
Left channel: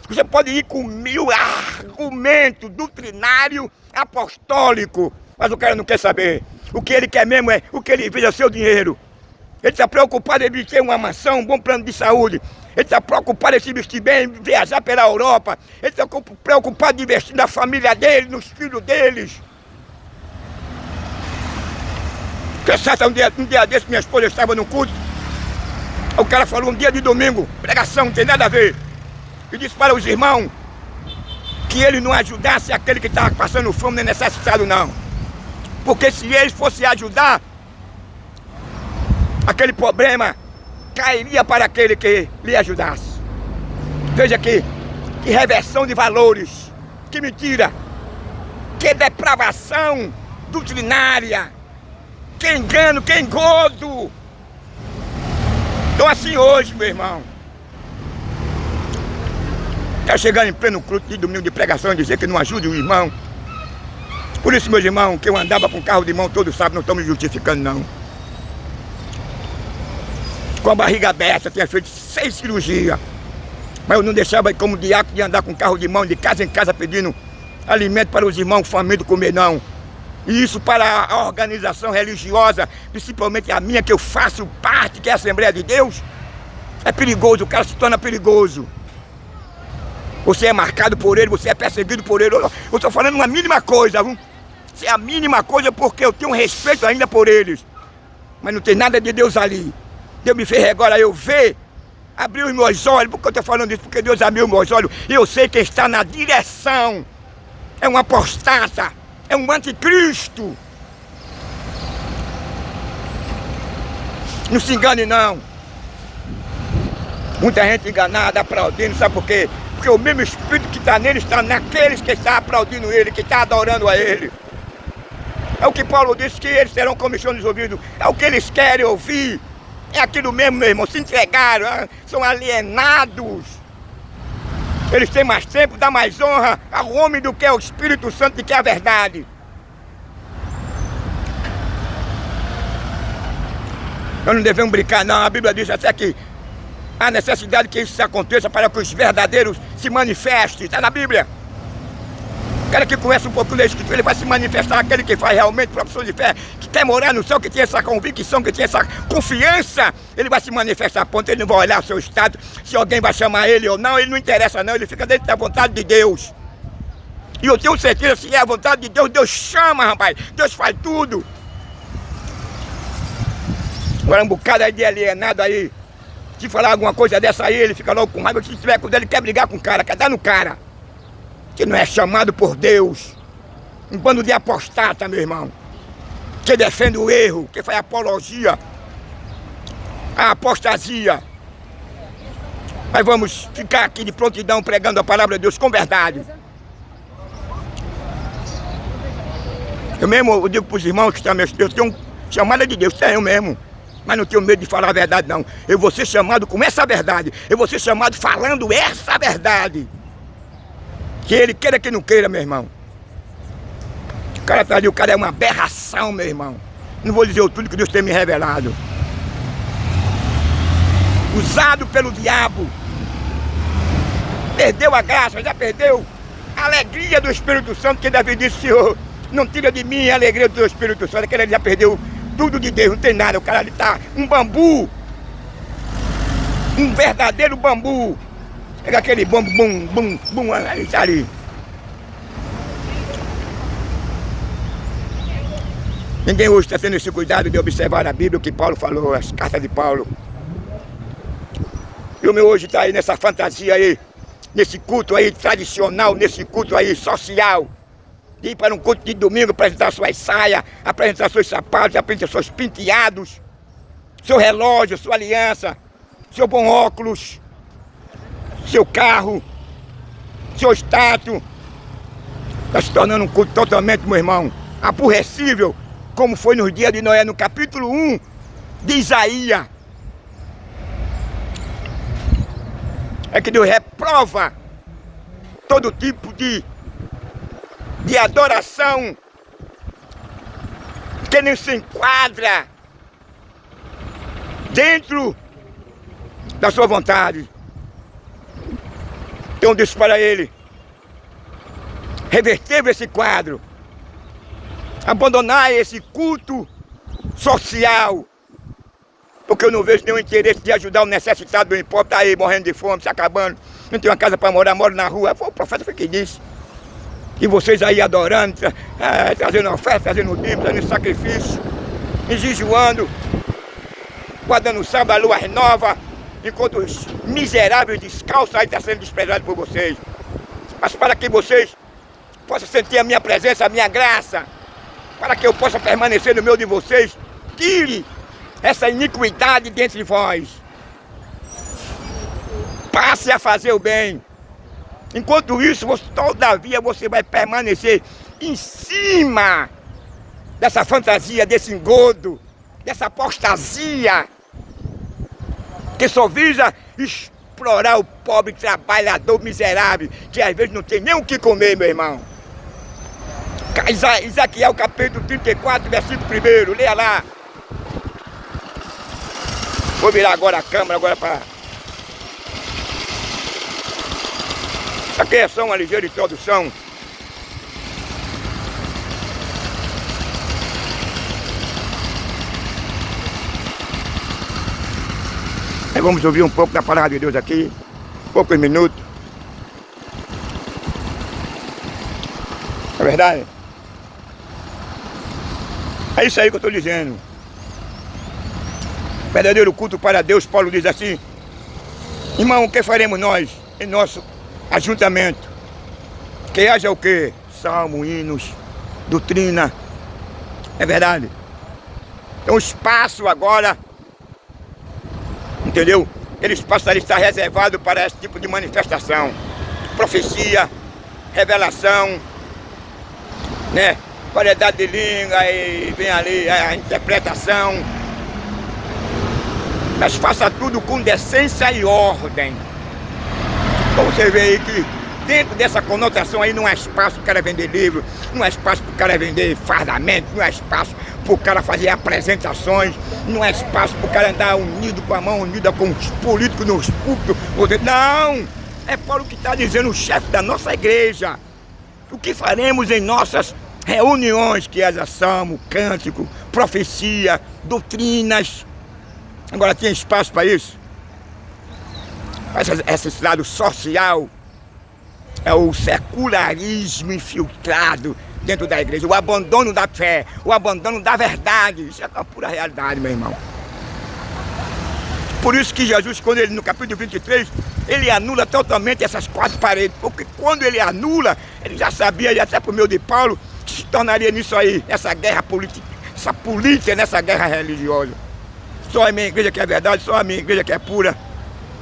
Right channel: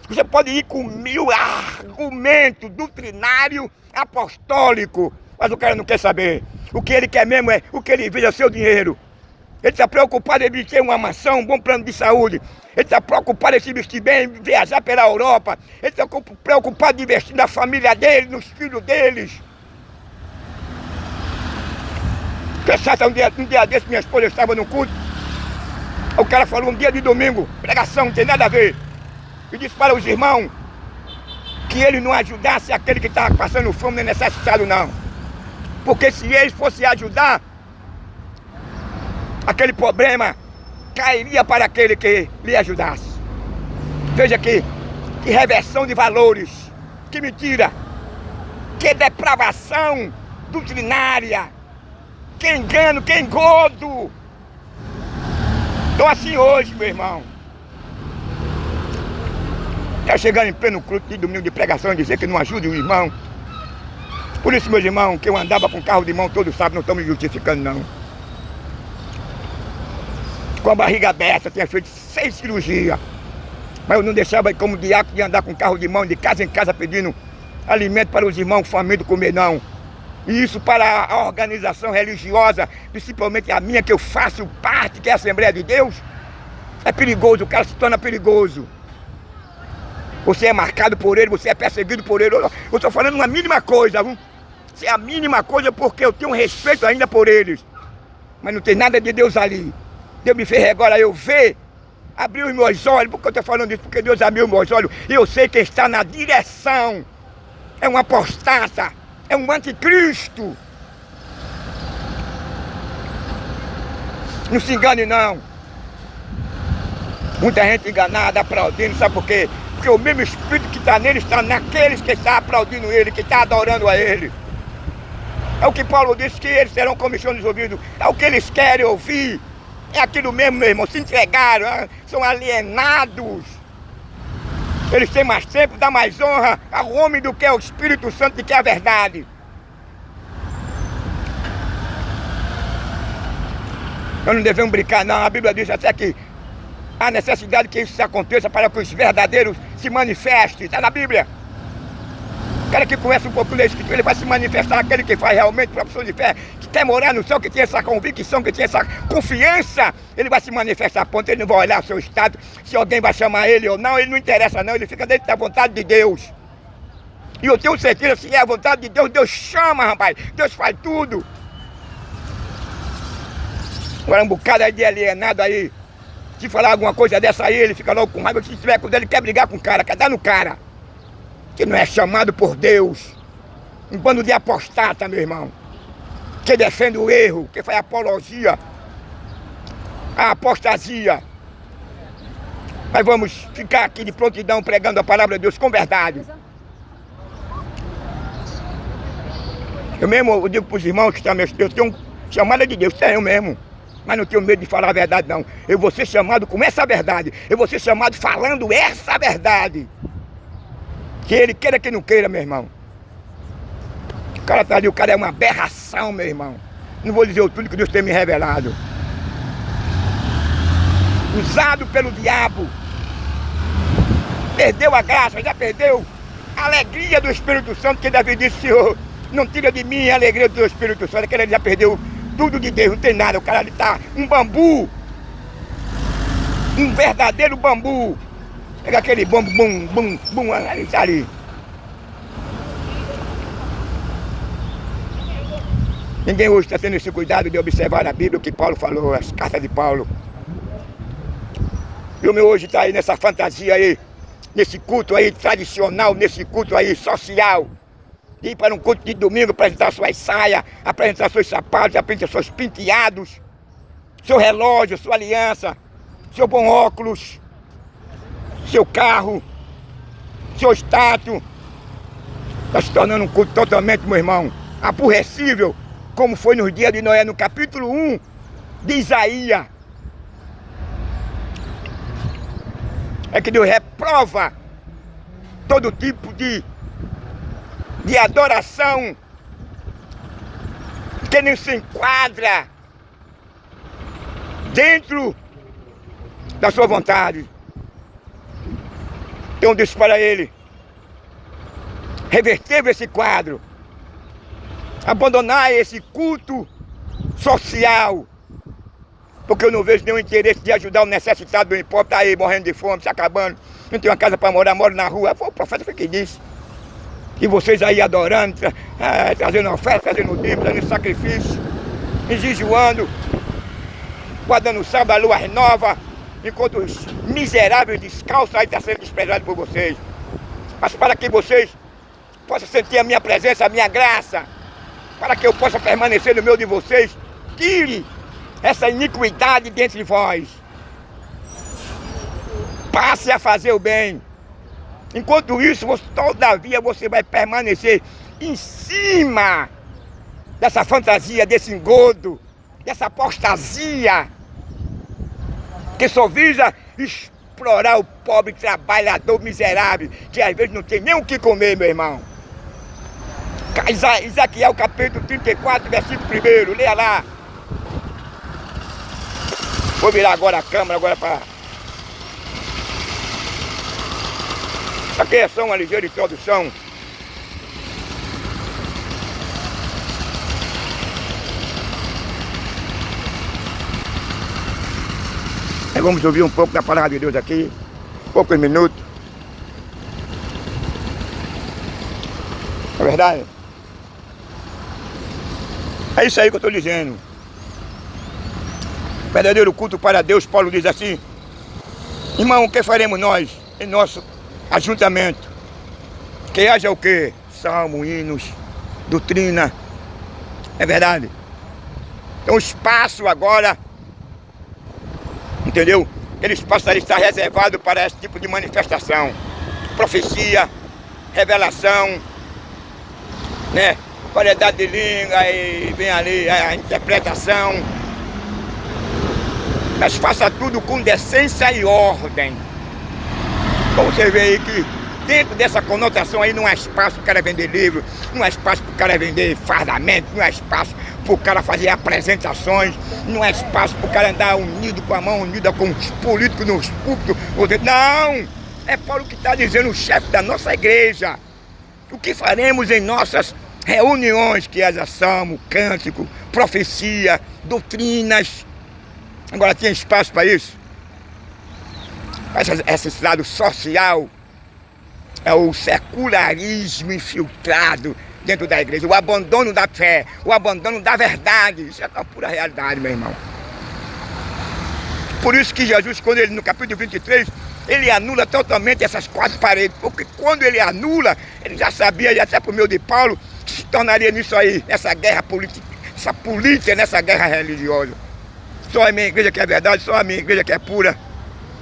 Você pode ir com 1000 argumentos doutrinários apostólicos, mas o cara não quer saber. O que ele quer mesmo é o que ele vê é seu dinheiro. Ele está preocupado em ter uma mansão, um bom plano de saúde. Ele está preocupado em se vestir bem, viajar pela Europa. Ele está preocupado em investir na família dele, nos filhos deles. Um dia desse, minha esposa estava no culto. O cara falou um dia de domingo, pregação, não tem nada a ver. E disse para os irmãos que ele não ajudasse aquele que estava passando fome nem necessitado, não. Porque se ele fosse ajudar, aquele problema cairia para aquele que lhe ajudasse. Veja que reversão de valores, que mentira, que depravação doutrinária, que engano, que engodo. Então assim hoje, meu irmão, está chegando em pleno culto de domingo de pregação e dizer que não ajude o irmão. Por isso, meus irmãos, que eu andava com carro de mão, todos sabem, não estão me justificando não. Com a barriga aberta, tinha feito 6 cirurgias. Mas eu não deixava como diácono de andar com carro de mão, de casa em casa, pedindo alimento para os irmãos famintos comer, não. E isso para a organização religiosa, principalmente a minha, que eu faço parte, que é a Assembleia de Deus, é perigoso, o cara se torna perigoso. Você é marcado por ele, você é perseguido por ele. Eu estou falando uma mínima coisa, viu? Isso é a mínima coisa porque eu tenho respeito ainda por eles. Mas não tem nada de Deus ali. Deus me fez agora eu ver, abriu os meus olhos. Por que eu estou falando isso? Porque Deus abriu os meus olhos e eu sei quem está na direção. É um apostata, é um anticristo. Não se engane não. Muita gente enganada, aplaudindo, sabe por quê? Porque o mesmo Espírito que está nele está naqueles que estão aplaudindo ele, que estão adorando a ele. É o que Paulo disse, que eles terão comissão nos ouvidos. É o que eles querem ouvir. É aquilo mesmo, meu irmão, se entregaram, são alienados. Eles têm mais tempo, dá mais honra ao homem do que ao Espírito Santo, do que a verdade. Nós não devemos brincar não, a Bíblia diz até que há necessidade que isso aconteça para que os verdadeiros se manifestem, está na Bíblia. O cara que conhece um pouco da Escritura, ele vai se manifestar, aquele que faz realmente profissão de fé, que quer morar no céu, que tem essa convicção, que tem essa confiança, ele vai se manifestar a ponto, ele não vai olhar o seu estado, se alguém vai chamar ele ou não, ele não interessa não, ele fica dentro da vontade de Deus. E eu tenho certeza, se é a vontade de Deus, Deus chama, rapaz, Deus faz tudo. Agora um bocado aí de alienado aí, se falar alguma coisa dessa aí, ele fica logo com raiva, se estiver com ele, ele quer brigar com o cara, quer dar no cara. Que não é chamado por Deus. Um bando de apostata, meu irmão. Que defende o erro, que faz apologia, a apostasia. Mas vamos ficar aqui de prontidão pregando a palavra de Deus com verdade. Eu mesmo eu digo para os irmãos que estão meus Deus, eu tenho chamada de Deus, tenho mesmo. Mas não tenho medo de falar a verdade não. Eu vou ser chamado com essa verdade. Eu vou ser chamado falando essa verdade. Que ele queira que não queira, meu irmão. O cara tá ali, o cara é uma aberração, meu irmão. Não vou dizer o tudo que Deus tem me revelado. Usado pelo diabo. Perdeu a graça, já perdeu a alegria do Espírito Santo, que Davi disse, Senhor, não tira de mim a alegria do Espírito Santo. Aquele já perdeu tudo de Deus, não tem nada. O cara ali tá um bambu. Um verdadeiro bambu. Pega aquele bambu, bum, bum, bum, ali, tá ali. Ninguém hoje está tendo esse cuidado de observar a Bíblia, o que Paulo falou, as cartas de Paulo. E o meu hoje está aí nessa fantasia aí, nesse culto aí tradicional, nesse culto aí social. De ir para um culto de domingo, apresentar suas saias, apresentar seus sapatos, apresentar seus penteados, seu relógio, sua aliança, seu bom óculos, seu carro, seu status. Está se tornando um culto totalmente, meu irmão, aborrecível, como foi nos dias de Noé, no capítulo 1 de Isaías. É que Deus reprova todo tipo de adoração que nem se enquadra dentro da sua vontade. Então disse para ele, reverter esse quadro, abandonar esse culto social, porque eu não vejo nenhum interesse de ajudar o necessitado, não importa, tá aí morrendo de fome, se acabando, não tem uma casa para morar, mora na rua. Foi o profeta foi que disse. E vocês aí adorando, trazendo oferta, trazendo dízimo, trazendo sacrifício, jejuando, guardando o sábado, a lua nova, enquanto os miseráveis descalços aí estão sendo desprezados por vocês. Mas para que vocês possam sentir a minha presença, a minha graça, para que eu possa permanecer no meio de vocês, tire essa iniquidade dentro de vós. Passe a fazer o bem. Enquanto isso, todavia você vai permanecer em cima dessa fantasia, desse engodo, dessa apostasia, que só visa explorar o pobre trabalhador miserável, que às vezes não tem nem o que comer, meu irmão. Isaquiel capítulo 34, versículo 1, leia lá. Vou virar agora a câmera, agora para... Essa aqui é só uma ligeira introdução. Aí vamos ouvir um pouco da palavra de Deus aqui, poucos minutos. É verdade? É isso aí que eu estou dizendo. Verdadeiro culto para Deus, Paulo diz assim, irmão, o que faremos nós em nosso ajuntamento? Que haja o quê? Salmo, hinos, doutrina. É verdade? Então o espaço agora, entendeu? Aquele espaço ali está reservado para esse tipo de manifestação. Profecia, revelação, né? Variedade de língua e vem ali a interpretação. Mas faça tudo com decência e ordem. Então você vê aí que dentro dessa conotação aí não há espaço para o cara vender livro, não há espaço para o cara vender fardamento, não há espaço para o cara fazer apresentações, não há espaço para o cara andar unido com a mão unida com os políticos nos púlpitos. Não! É Paulo que está dizendo, o chefe da nossa igreja. O que faremos em nossas reuniões, que é salmo, cântico, profecia, doutrinas. Agora tem espaço para isso? Esse lado social é o secularismo infiltrado dentro da igreja, o abandono da fé, o abandono da verdade. Isso é a pura realidade, meu irmão. Por isso que Jesus, quando ele no capítulo 23, ele anula totalmente essas quatro paredes, porque quando ele anula, ele já sabia, e até por meio de Paulo, que se tornaria nisso aí, essa guerra política, essa política nessa guerra religiosa. Só a minha igreja que é verdade, só a minha igreja que é pura.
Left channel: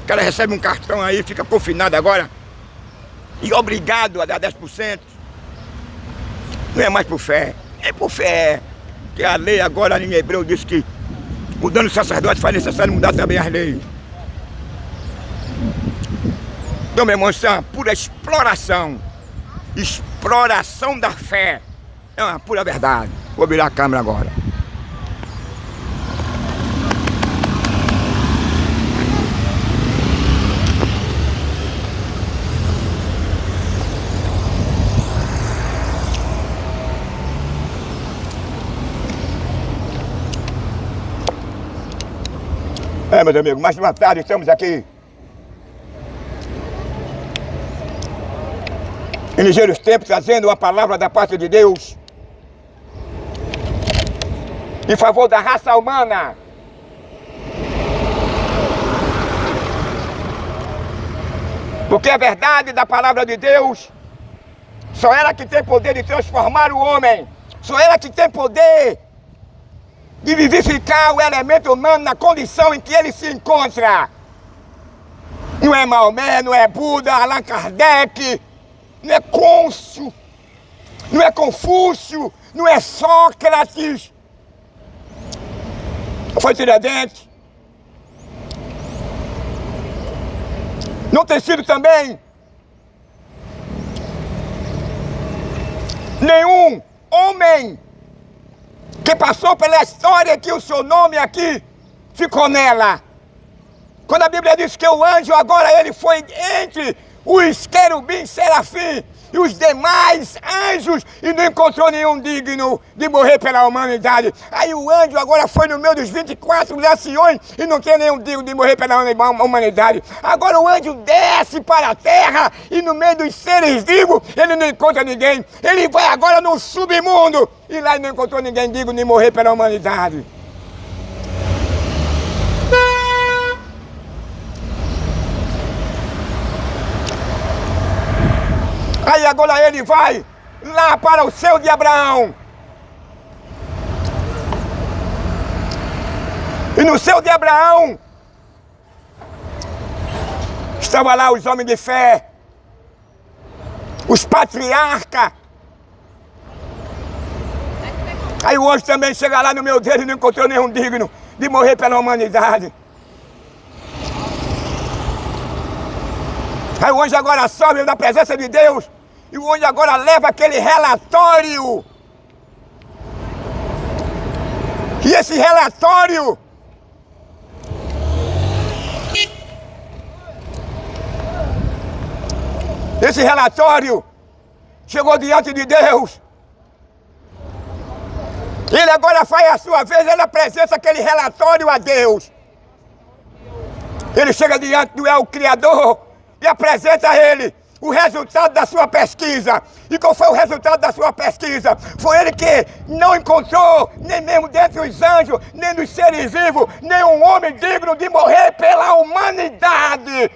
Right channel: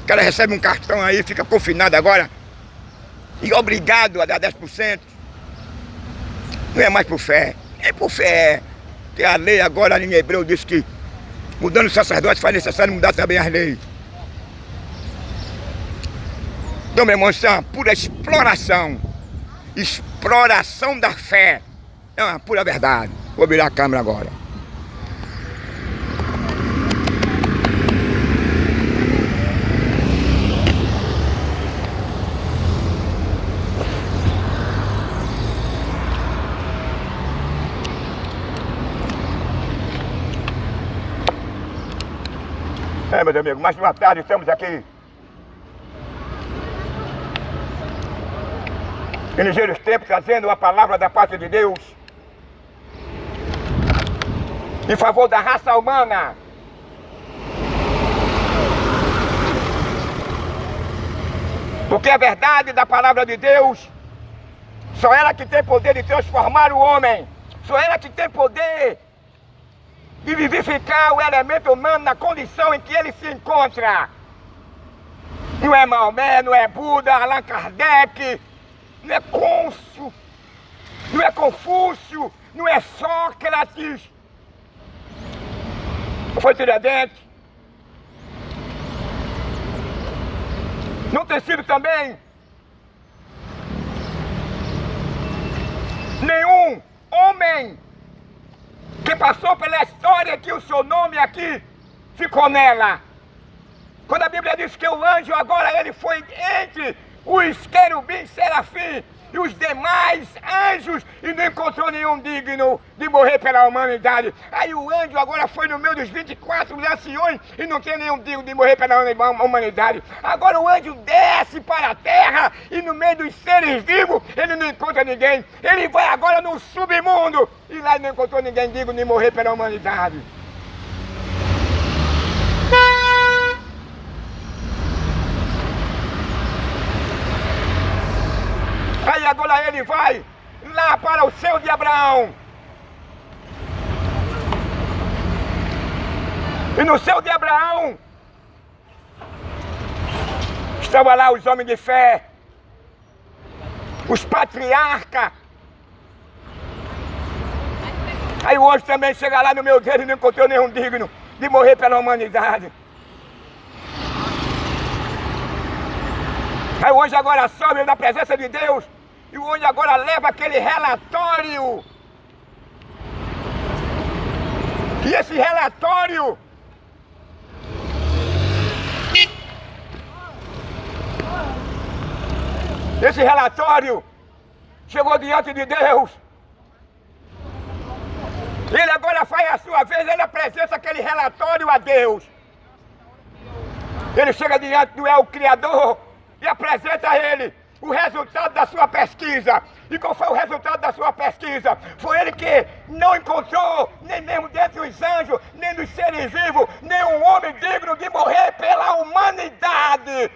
O cara recebe um cartão aí, fica confinado agora e obrigado a dar 10%. Não é mais por fé, é por fé. Que a lei agora em Hebreu diz que mudando o sacerdote faz necessário mudar também as leis. Então, meu irmão, isso é uma pura exploração. exploração da fé. É uma pura verdade. Vou virar a câmera agora. Meus amigos, mais uma tarde estamos aqui em ligeiros tempos, trazendo a palavra da parte de Deus em favor da raça humana. Porque a verdade da palavra de Deus só ela que tem poder de transformar o homem, só ela que tem poder de vivificar o elemento humano na condição em que ele se encontra. Não é Maomé, não é Buda, Allan Kardec, não é Côncio, não é Confúcio, não é Sócrates, não foi Tiradentes, não tem sido também nenhum homem que passou pela história que o seu nome aqui ficou nela. Quando a Bíblia diz que o anjo agora ele foi entre os querubins, serafim e os demais anjos e não encontrou nenhum digno de morrer pela humanidade. Aí o anjo agora foi no meio dos 24 anciões e não tem nenhum digno de morrer pela humanidade. Agora o anjo desce para a terra e no meio dos seres vivos ele não encontra ninguém. Ele vai agora no submundo e lá ele não encontrou ninguém digno de morrer pela humanidade. Aí agora ele vai lá para o céu de Abraão. E no céu de Abraão estavam lá os homens de fé, os patriarcas. Aí o anjo também chega lá no meio dele e não encontrou nenhum digno de morrer pela humanidade. Aí o anjo agora sobe na presença de Deus e o anjo agora leva aquele relatório. E esse relatório chegou diante de Deus. Ele agora faz a sua vez, ele apresenta aquele relatório a Deus. Ele chega diante do El Criador e apresenta a ele o resultado da sua pesquisa. E qual foi o resultado da sua pesquisa? Foi ele que não encontrou, nem mesmo dentre os anjos, nem dos seres vivos, nenhum homem digno de morrer pela humanidade.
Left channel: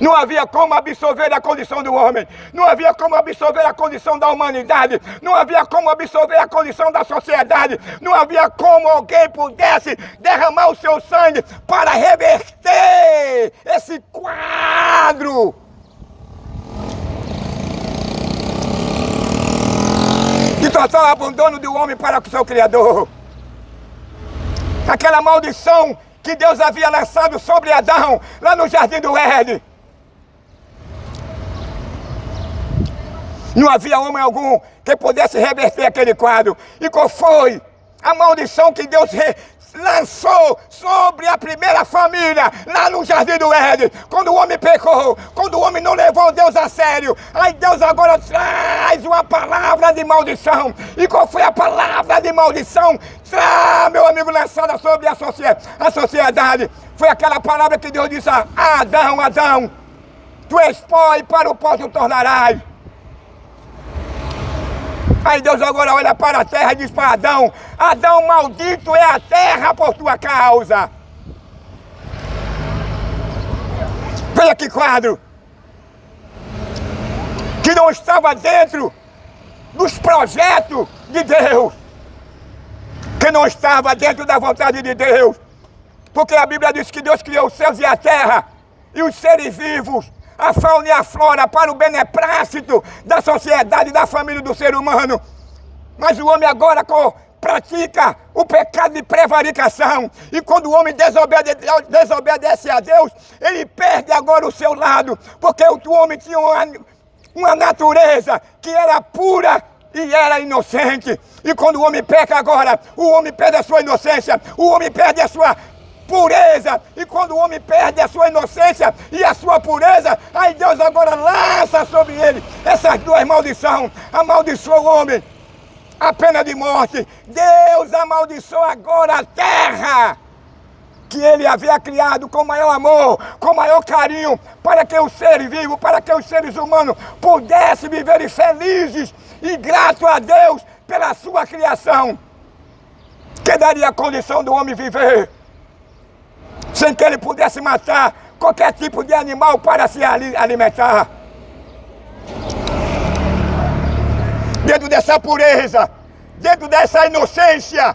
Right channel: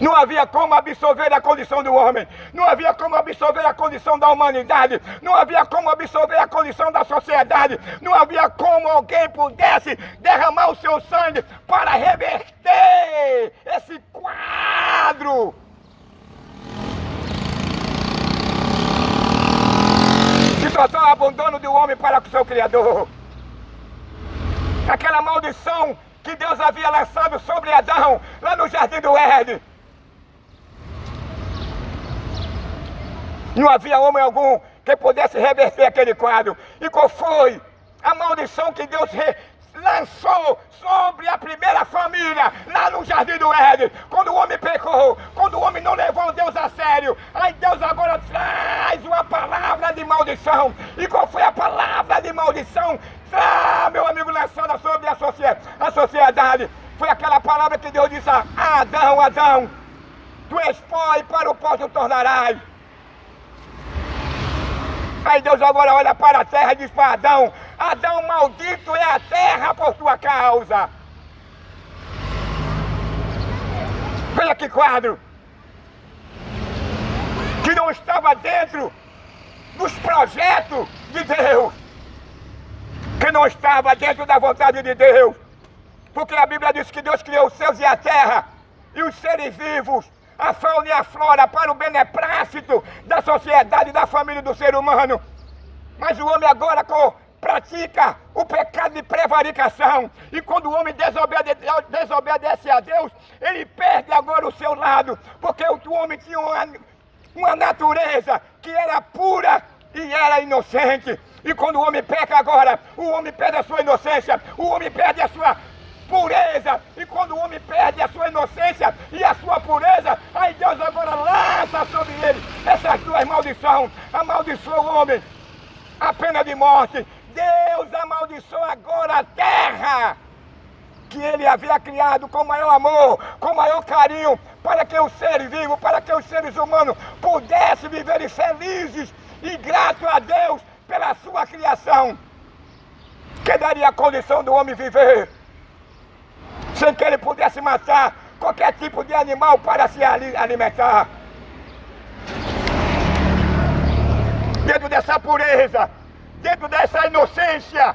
Não havia como absorver a condição do homem, não havia como absorver a condição da humanidade, não havia como absorver a condição da sociedade, não havia como alguém pudesse derramar o seu sangue para reverter esse quadro. De total abandono do homem para com o seu Criador. Aquela maldição que Deus havia lançado sobre Adão lá no Jardim do Éden. Não havia homem algum que pudesse reverter aquele quadro. E qual foi a maldição que Deus lançou sobre a primeira família lá no Jardim do Éden? Quando o homem pecou, quando o homem não levou Deus a sério, aí Deus agora traz uma palavra de maldição. E qual foi a palavra de maldição? Meu amigo, lançada sobre a sociedade. Foi aquela palavra que Deus disse a Adão: Adão, tu és pó e para o pó tu tornarás. Aí Deus agora olha para a terra e diz para Adão: Adão, maldito é a terra por tua causa. Veja que quadro que não estava dentro dos projetos de Deus, que não estava dentro da vontade de Deus, porque a Bíblia diz que Deus criou os céus e a terra e os seres vivos, a fauna e a flora, para o beneplácito da sociedade e da família do ser humano. Mas o homem agora pratica o pecado de prevaricação. E quando o homem desobedece a Deus, ele perde agora o seu lado. Porque o homem tinha uma natureza que era pura e era inocente. E quando o homem peca agora, o homem perde a sua inocência, o homem perde a sua pureza. E quando o homem perde a sua inocência e a sua pureza, aí Deus agora lança sobre ele essas duas maldições. Amaldiçoa o homem, a pena de morte. Deus amaldiçoa agora a terra que ele havia criado com maior amor, com maior carinho, para que os seres vivos, para que os seres humanos pudessem viver felizes e gratos a Deus pela sua criação, que daria a condição do homem viver sem que ele pudesse matar qualquer tipo de animal para se alimentar. Dentro dessa pureza, dentro dessa inocência,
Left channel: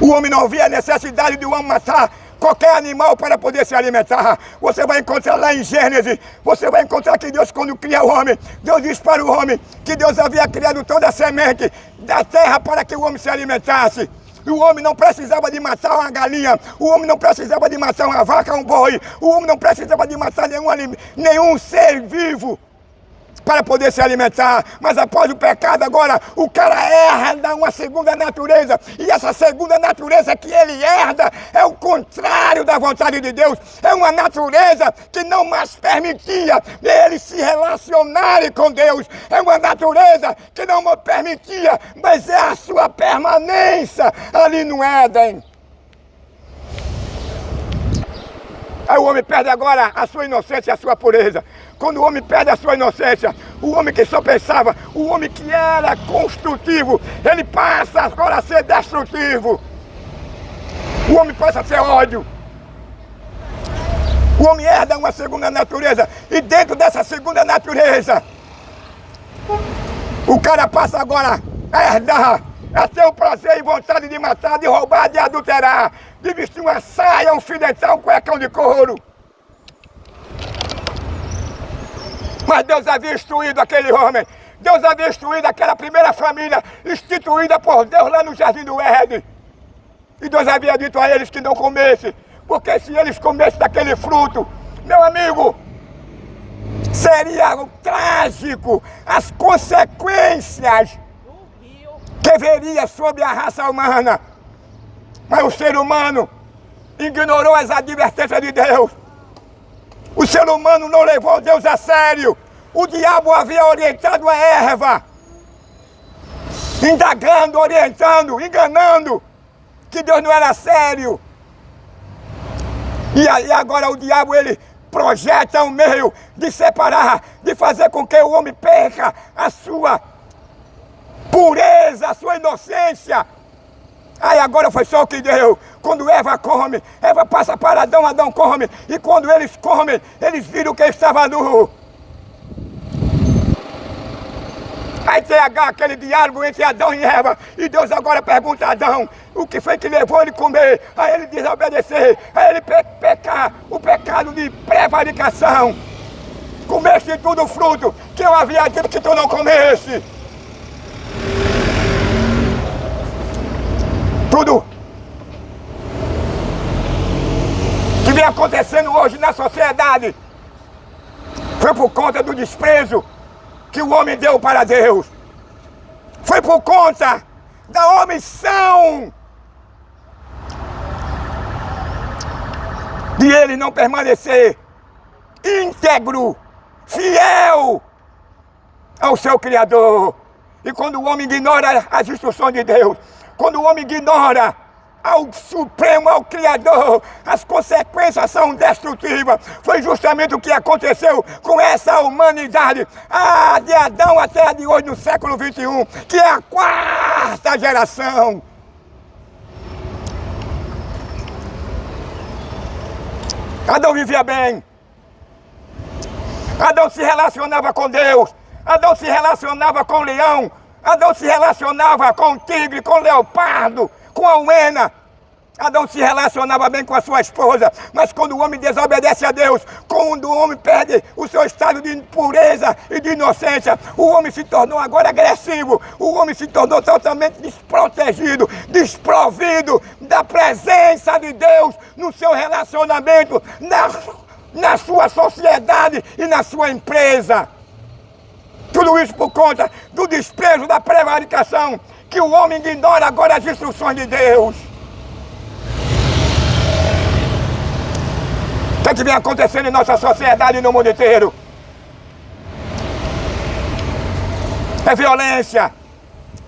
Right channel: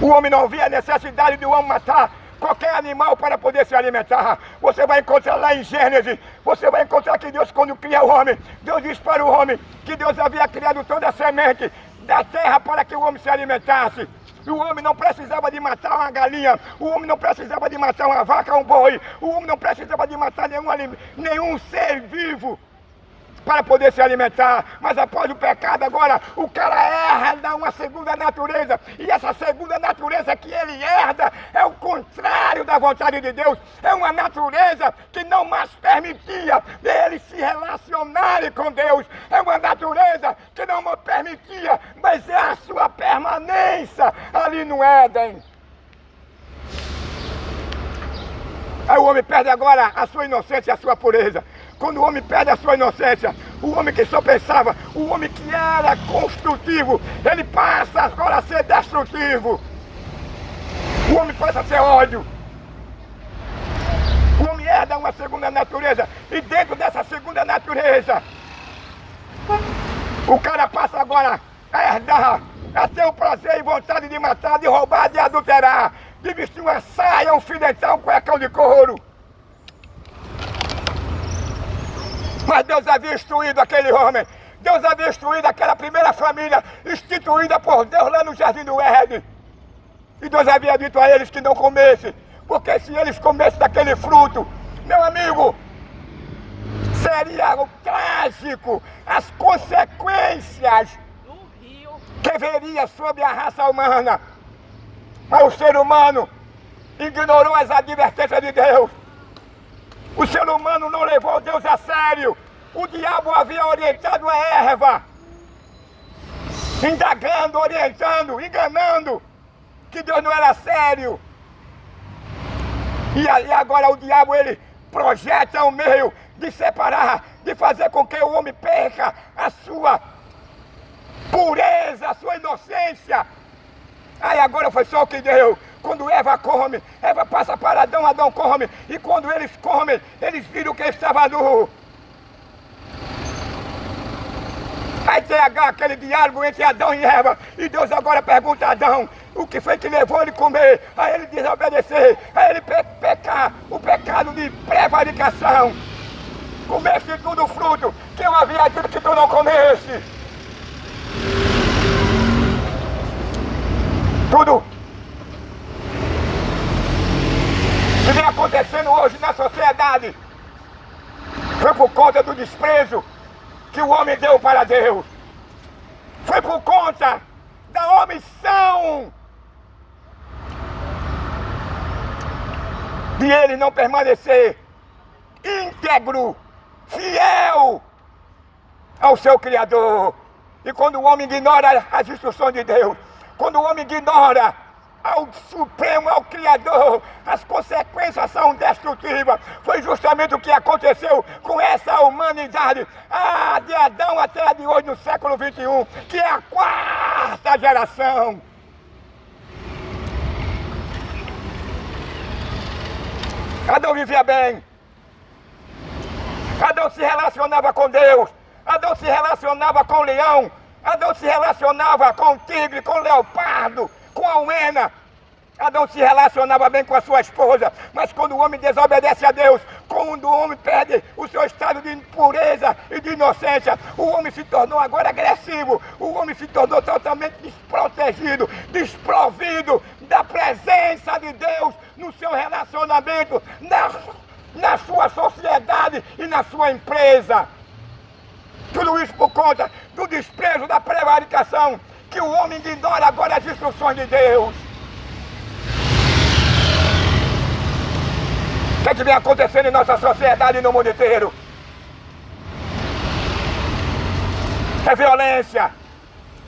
o homem não via a necessidade de o homem matar qualquer animal para poder se alimentar. Você vai encontrar lá em Gênesis, você vai encontrar que Deus, quando cria o homem, Deus diz para o homem que Deus havia criado toda a semente da terra para que o homem se alimentasse. E o homem não precisava de matar uma galinha, o homem não precisava de matar uma vaca, um boi, o homem não precisava de matar nenhum ser vivo para poder se alimentar. Mas após o pecado agora, o cara herda uma segunda natureza, e essa segunda natureza que ele herda é o contrário da vontade de Deus. É uma natureza que não mais permitia ele se relacionar com Deus, é uma natureza que não permitia, mas é a sua permanência ali no Éden. Aí o homem perde agora a sua inocência e a sua pureza. Quando o homem perde a sua inocência, o homem que só pensava, o homem que era construtivo, ele passa agora a ser destrutivo. O homem passa a ser ódio. O homem herda uma segunda natureza, e dentro dessa segunda natureza, o cara passa agora a herdar, a ter o prazer e vontade de matar, de roubar, de adulterar, de vestir uma saia, um filetal, um cuecão de couro. Mas Deus havia instruído aquele homem, Deus havia instruído aquela primeira família, instituída por Deus lá no Jardim do Éden. E Deus havia dito a eles que não comessem, porque se eles comessem daquele fruto, meu amigo, seria o trágico, as consequências que viria sobre a raça humana. Mas o ser humano ignorou as advertências de Deus. O ser humano não levou Deus a sério. O diabo havia orientado a Eva, indagando, orientando, enganando, que Deus não era sério. E aí agora o diabo, ele projeta um meio de separar, de fazer com que o homem perca a sua pureza, a sua inocência. Aí agora foi só o que deu. Quando Eva come, Eva passa para Adão, Adão come. E quando eles comem, eles viram que estava nu. Aí tem aquele diálogo entre Adão e Eva. E Deus agora pergunta a Adão o que foi que levou ele a comer. Aí ele desobedecer, aí ele pecar, o pecado de prevaricação. Comeste tudo o fruto que eu havia dito que tu não comesse. Tudo que vem acontecendo hoje na sociedade foi por conta do desprezo que o homem deu para Deus. Foi por conta da omissão de ele não permanecer íntegro, fiel ao seu Criador. E quando o homem ignora as instruções de Deus, quando o homem ignora ao Supremo, ao Criador, as consequências são destrutivas. Foi justamente o que aconteceu com essa humanidade, de Adão até a de hoje, no século XXI, que é a quarta geração. Adão vivia bem. Adão se relacionava com Deus. Adão se relacionava com o leão. Adão se relacionava com o tigre, com o leopardo, com a hiena. Adão se relacionava bem com a sua esposa. Mas quando o homem desobedece a Deus, quando o homem perde o seu estado de pureza e de inocência, o homem se tornou agora agressivo. O homem se tornou totalmente desprotegido, desprovido da presença de Deus no seu relacionamento, na na sua sociedade e na sua empresa. Tudo isso por conta do desprezo, da prevaricação, que o homem ignora agora as instruções de Deus. O que vem acontecendo em nossa sociedade e no mundo inteiro? É violência,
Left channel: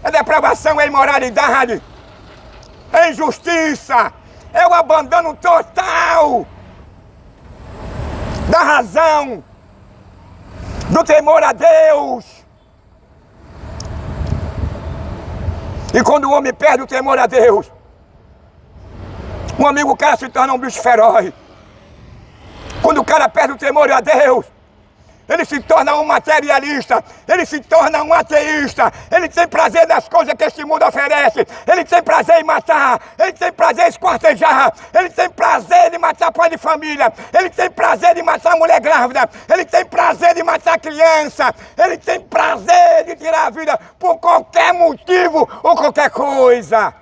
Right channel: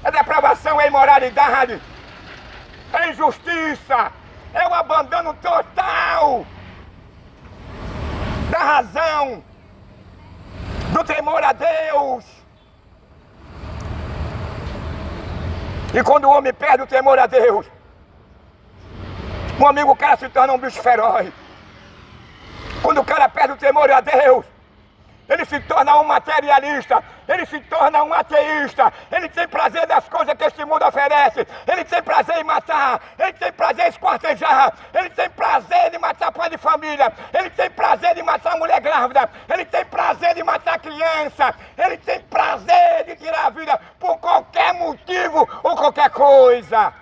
é depravação, é imoralidade, é injustiça, é o abandono total da razão, do temor a Deus. E quando o homem perde o temor a Deus, um amigo, o cara se torna um bicho feroz. Quando o cara perde o temor a Deus, ele se torna um materialista, ele se torna um ateísta, ele tem prazer nas coisas que este mundo oferece, ele tem prazer em matar, ele tem prazer em esquartejar, ele tem prazer de matar pai de família, ele tem prazer de matar mulher grávida, ele tem prazer de matar criança, ele tem prazer de tirar a vida por qualquer motivo ou qualquer coisa.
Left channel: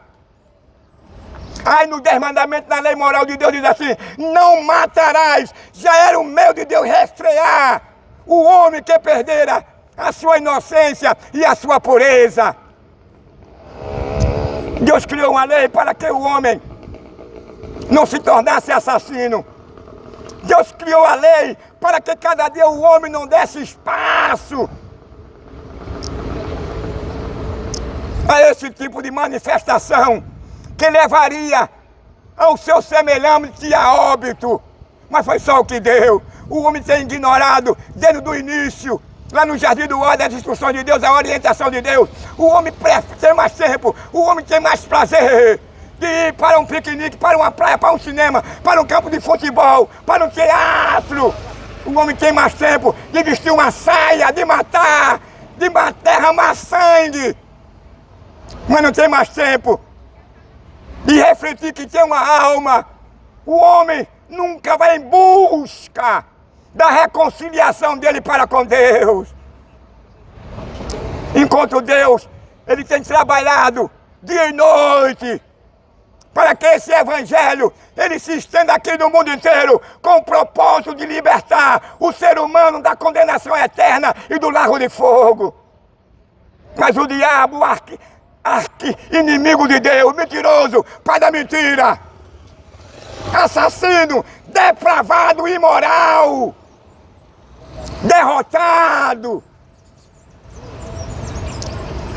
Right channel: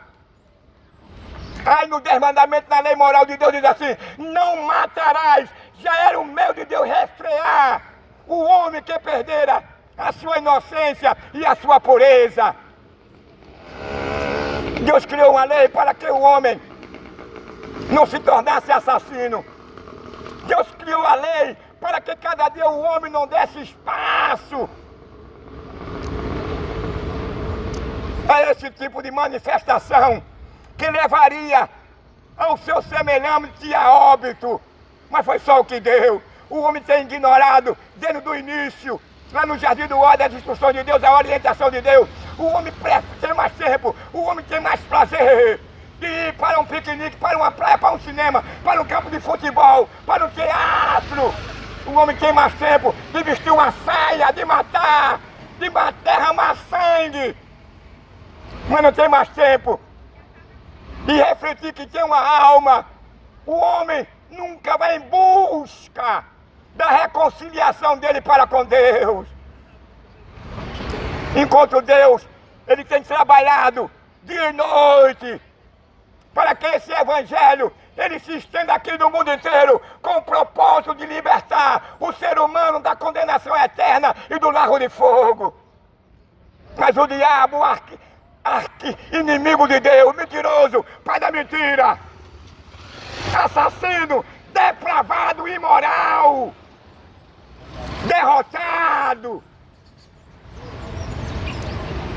Aí no 10 mandamentos, na lei moral de Deus diz assim: não matarás. Já era o meio de Deus restrear o homem que perdera a sua inocência e a sua pureza. Deus criou uma lei para que o homem não se tornasse assassino. Deus criou a lei para que cada dia o homem não desse espaço a esse tipo de manifestação que levaria ao seu semelhante a óbito. Mas foi só o que deu. O homem tem ignorado desde o início, lá no Jardim do Éden, as instruções de Deus, a orientação de Deus. O homem tem mais tempo, o homem tem mais prazer de ir para um piquenique, para uma praia, para um cinema, para um campo de futebol, para um teatro. O homem tem mais tempo de vestir uma saia, de matar, derramar sangue. Mas não tem mais tempo de refletir que tem uma alma. O homem nunca vai em busca da reconciliação dele para com Deus. Enquanto Deus, ele tem trabalhado dia e noite para que esse evangelho, ele se estenda aqui no mundo inteiro com o propósito de libertar o ser humano da condenação eterna e do lago de fogo. Mas o diabo, inimigo de Deus, mentiroso, pai da mentira, assassino, depravado, imoral, derrotado.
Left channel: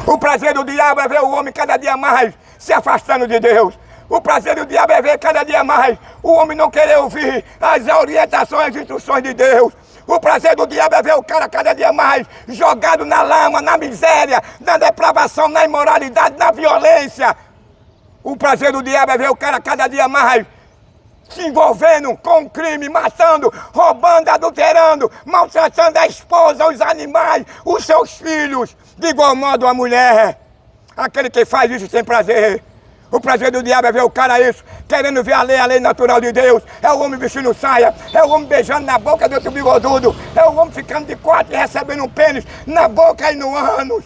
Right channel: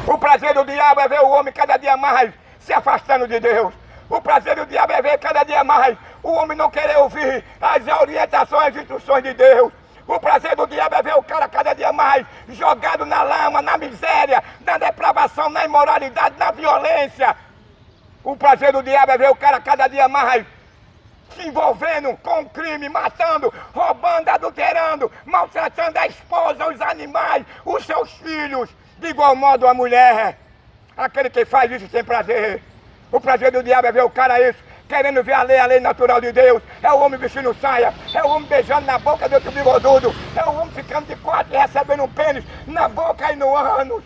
O prazer do diabo é ver o homem cada dia mais se afastando de Deus. O prazer do diabo é ver cada dia mais o homem não querer ouvir as orientações, as instruções de Deus. O prazer do diabo é ver o cara cada dia mais jogado na lama, na miséria, na depravação, na imoralidade, na violência. O prazer do diabo é ver o cara cada dia mais se envolvendo com o crime, matando, roubando, adulterando, maltratando a esposa, os animais, os seus filhos. De igual modo a mulher. Aquele que faz isso tem prazer. O prazer do diabo é ver o cara isso, querendo ver a lei natural de Deus. É o homem vestindo saia, é o homem beijando na boca do outro bigodudo, é o homem ficando de quatro e recebendo um pênis na boca e no ânus.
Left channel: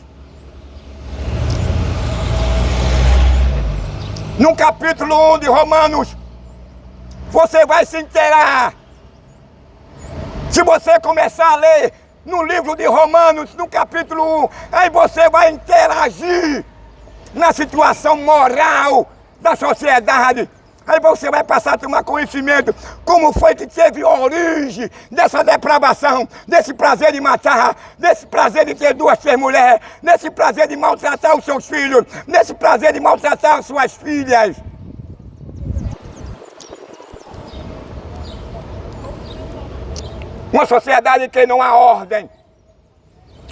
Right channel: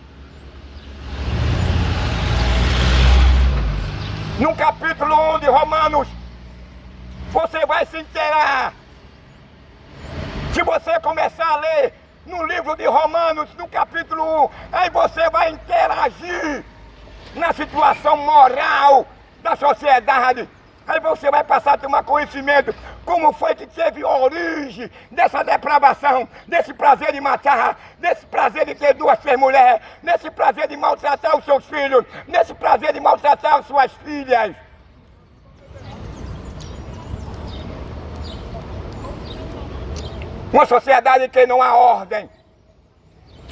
No capítulo 1 de Romanos, você vai se inteirar. Se você começar a ler no livro de Romanos, no capítulo 1, aí você vai interagir na situação moral da sociedade. Aí você vai passar a tomar conhecimento como foi que teve origem dessa depravação, desse prazer de matar, desse prazer de ter duas, três mulheres, desse prazer de maltratar os seus filhos, desse prazer de maltratar as suas filhas. Uma sociedade que não há ordem,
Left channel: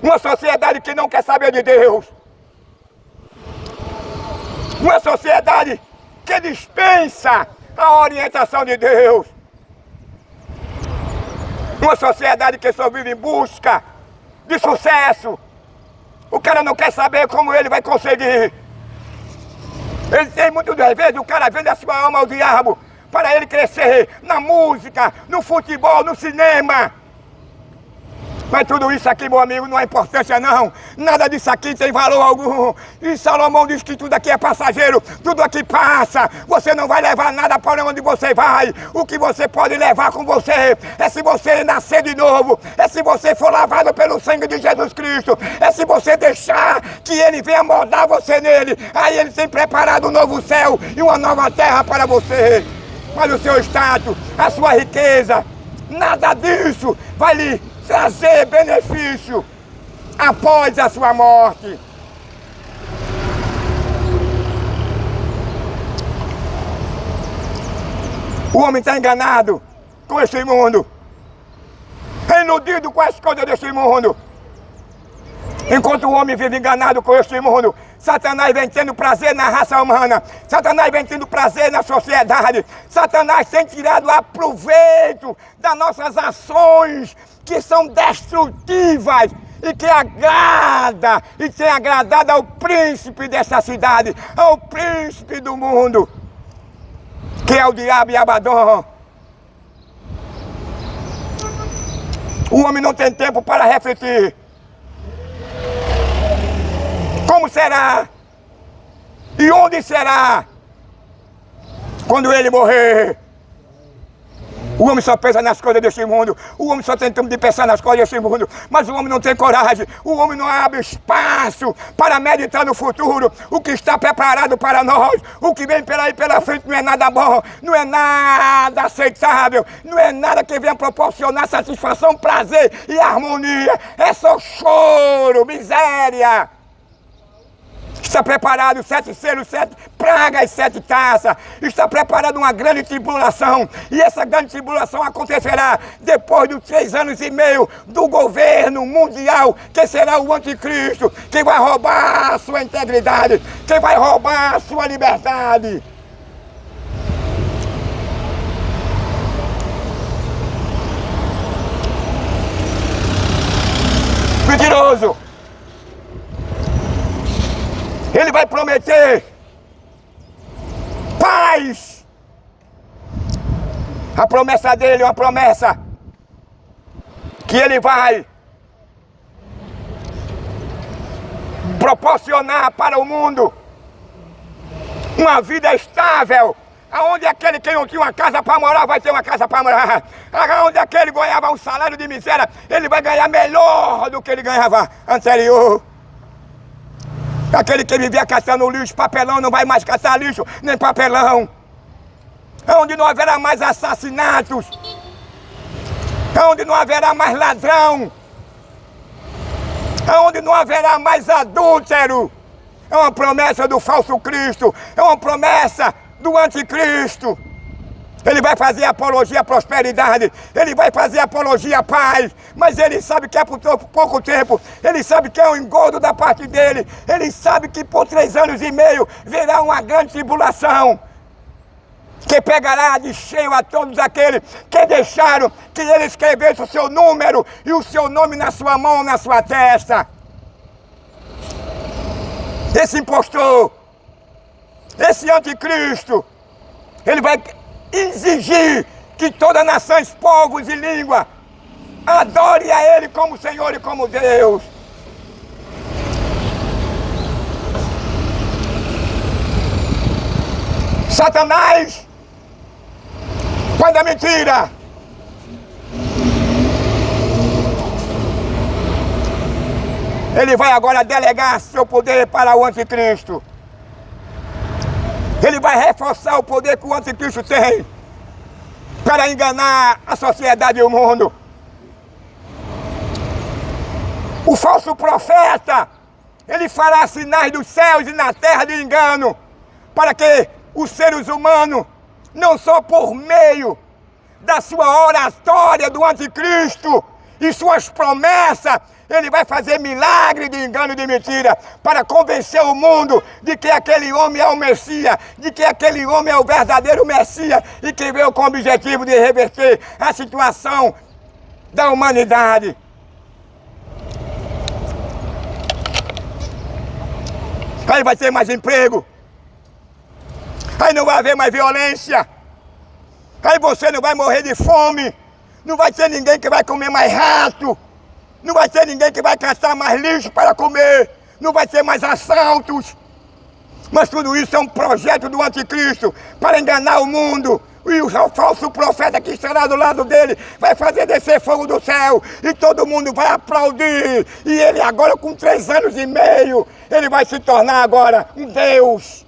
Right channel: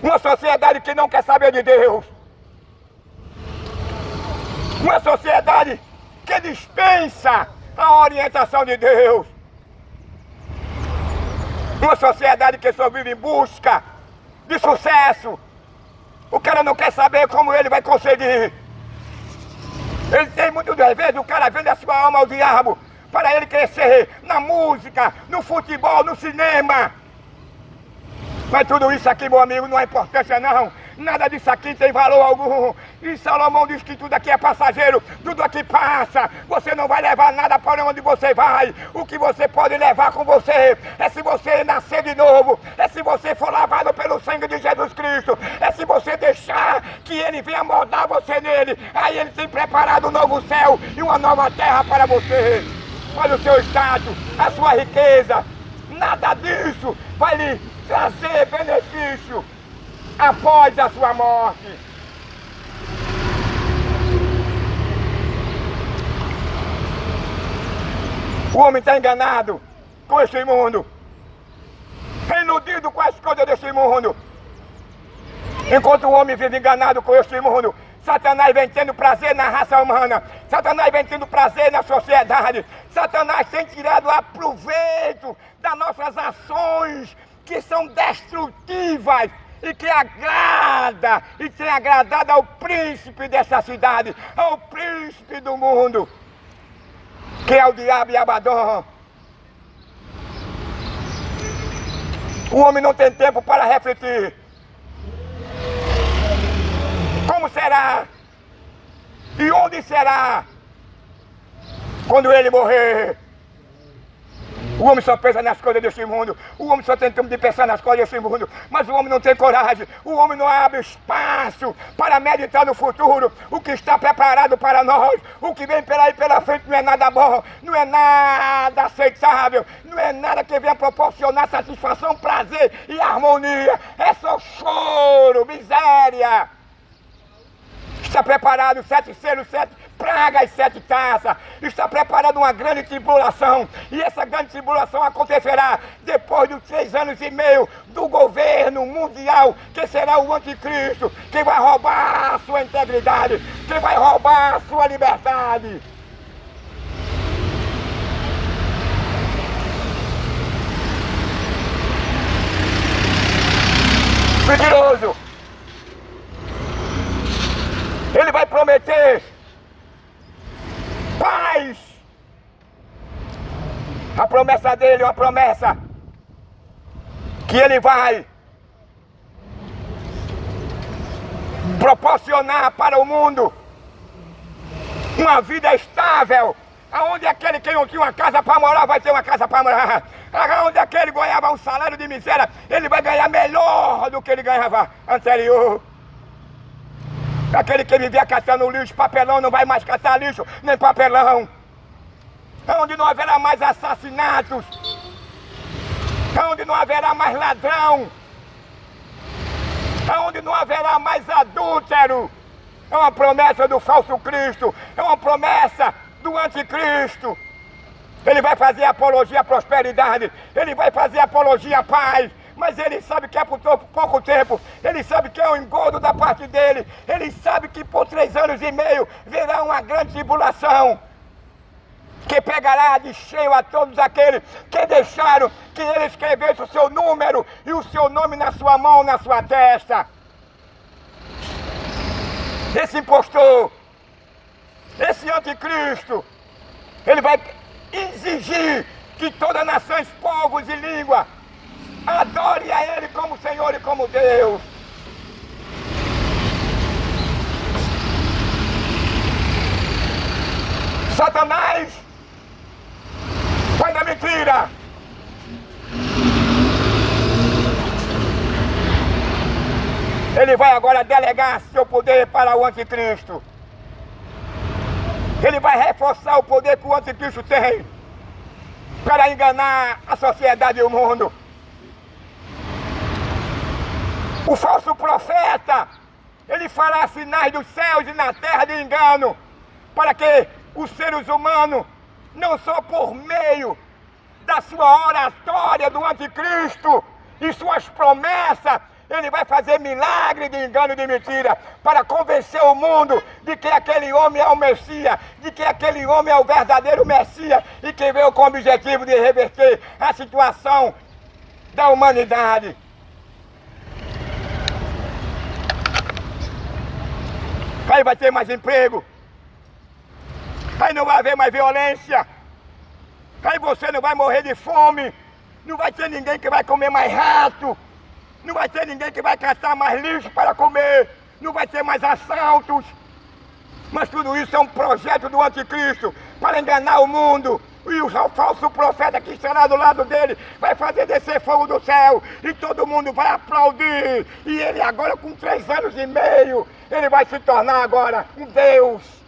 uma sociedade que não quer saber de Deus, uma sociedade que dispensa a orientação de Deus. Uma sociedade que só vive em busca de sucesso. O cara não quer saber como ele vai conseguir. Ele tem muitas vezes, o cara vende a sua alma ao diabo para ele crescer na música, no futebol, no cinema. Mas tudo isso aqui, meu amigo, não há importância não. Nada disso aqui tem valor algum. E Salomão diz que tudo aqui é passageiro, tudo aqui passa. Você não vai levar nada para onde você vai. O que você pode levar com você é se você nascer de novo, é se você for lavado pelo sangue de Jesus Cristo, é se você deixar que Ele venha moldar você nele. Aí Ele tem preparado um novo céu e uma nova terra para você. Olha o seu status, a sua riqueza. Nada disso vai lhe trazer benefício após a sua morte. O homem está enganado com esse mundo, iludido com as coisas desse mundo. Enquanto o homem vive enganado com esse mundo, Satanás vem tendo prazer na raça humana, Satanás vem tendo prazer na sociedade, Satanás tem tirado aproveito das nossas ações que são destrutivas e que agrada e tem agradado ao príncipe dessa cidade, ao príncipe do mundo, que é o diabo e Abaddon. O homem não tem tempo para refletir. Como será? E onde será? Quando ele morrer? O homem só pensa nas coisas desse mundo. O homem só tem tempo de pensar nas coisas desse mundo. Mas o homem não tem coragem. O homem não abre espaço para meditar no futuro. O que está preparado para nós. O que vem pela aí pela frente não é nada bom. Não é nada aceitável. Não é nada que venha proporcionar satisfação, prazer e harmonia. É só choro, miséria. Está preparado 7 selos, 7 pragas, 7 taças. Está preparada uma grande tribulação. E essa grande tribulação acontecerá depois dos 3 anos e meio do governo mundial, que será o anticristo, que vai roubar a sua integridade, que vai roubar a sua liberdade. Mentiroso. Ele vai prometer paz. A promessa dele é uma promessa que ele vai proporcionar para o mundo uma vida estável. Aonde aquele que não tinha uma casa para morar vai ter uma casa para morar. Aonde aquele ganhava um salário de miséria, ele vai ganhar melhor do que ele ganhava anterior. Aquele que vivia catando lixo, papelão, não vai mais catar lixo, nem papelão. Onde não haverá mais assassinatos. Onde não haverá mais ladrão. Onde não haverá mais adúltero. É uma promessa do falso Cristo. É uma promessa do anticristo. Ele vai fazer apologia à prosperidade, ele vai fazer apologia à paz, mas ele sabe que é por pouco tempo, ele sabe que é um engodo da parte dele, ele sabe que por 3 anos e meio virá uma grande tribulação, que pegará de cheio a todos aqueles que deixaram que ele escrevesse o seu número e o seu nome na sua mão, na sua testa. Esse impostor, esse anticristo, ele vai exigir que todas as nações, povos e língua adore a Ele como Senhor e como Deus. Satanás, pai da mentira, ele vai agora delegar seu poder para o anticristo. Ele vai reforçar o poder que o anticristo tem para enganar a sociedade e o mundo. O falso profeta, ele fará sinais dos céus e na terra de engano, para que os seres humanos, não só por meio da sua oratória do anticristo e suas promessas, ele vai fazer milagre de engano e de mentira para convencer o mundo de que aquele homem é o Messias, de que aquele homem é o verdadeiro Messias e que veio com o objetivo de reverter a situação da humanidade. Aí vai ter mais emprego, aí não vai haver mais violência, aí você não vai morrer de fome, não vai ter ninguém que vai comer mais rato. Não vai ter ninguém que vai caçar mais lixo para comer. Não vai ter mais assaltos. Mas tudo isso é um projeto do anticristo para enganar o mundo. E o falso profeta que estará do lado dele vai fazer descer fogo do céu. E todo mundo vai aplaudir. E ele agora com 3 anos e meio, ele vai se tornar agora um Deus.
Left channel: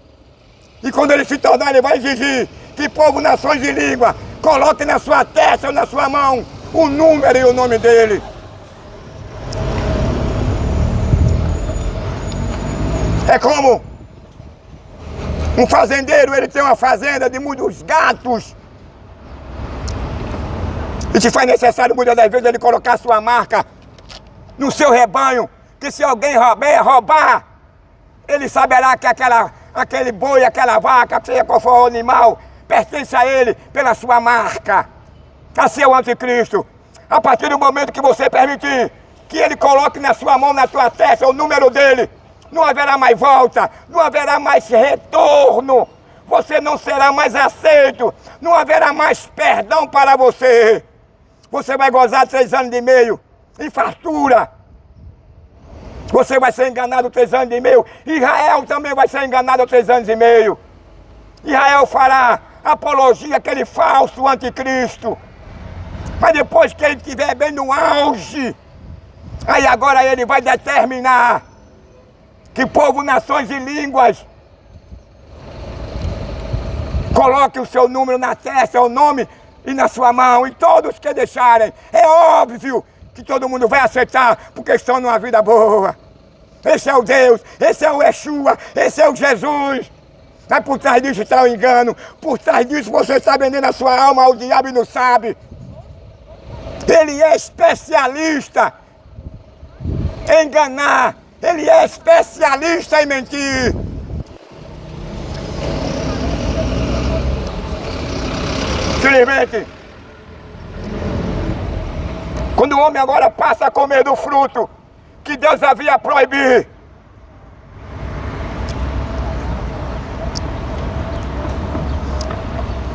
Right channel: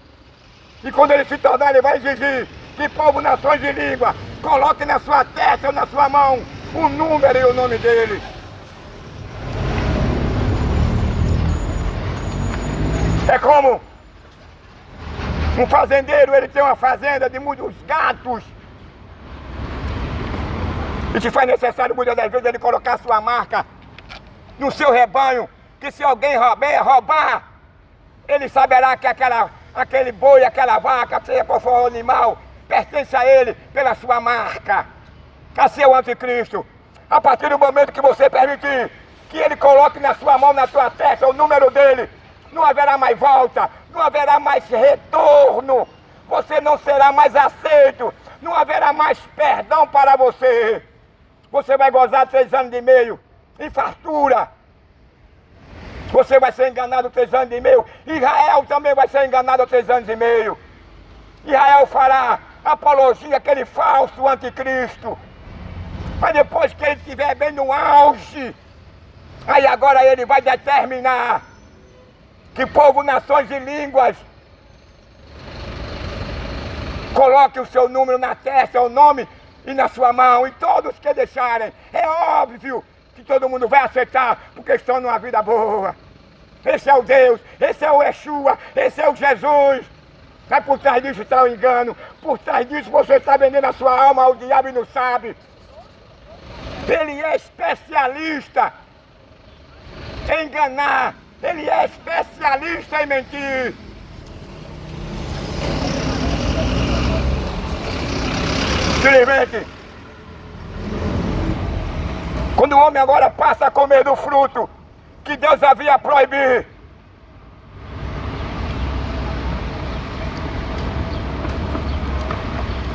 E quando ele se tornar, ele vai exigir que povo, nações e língua coloque na sua testa ou na sua mão o número e o nome dele. É como um fazendeiro, ele tem uma fazenda de muitos gatos. E se faz necessário muitas das vezes ele colocar sua marca no seu rebanho, que se alguém roubar, ele saberá que aquele boi, aquela vaca, seja qual for o animal, pertence a ele pela sua marca. Assim é o anticristo. A partir do momento que você permitir que ele coloque na sua mão, na tua testa, o número dele, não haverá mais volta, não haverá mais retorno, você não será mais aceito, não haverá mais perdão para você. Você vai gozar 3 anos e meio em fartura. Você vai ser enganado 3 anos e meio. Israel também vai ser enganado 3 anos e meio. Israel fará apologia àquele falso anticristo. Mas depois que ele estiver bem no auge, aí agora ele vai determinar que povo, nações e línguas coloque o seu número na testa, o nome e na sua mão, e todos que deixarem, é óbvio que todo mundo vai aceitar, porque estão numa vida boa. Esse é o Deus, esse é o Yeshua, esse é o Jesus. Mas por trás disso está o engano, por trás disso você está vendendo a sua alma ao diabo e não sabe. Ele é especialista em enganar, ele é especialista em mentir. Simplesmente, quando o homem agora passa a comer do fruto que Deus havia proibido,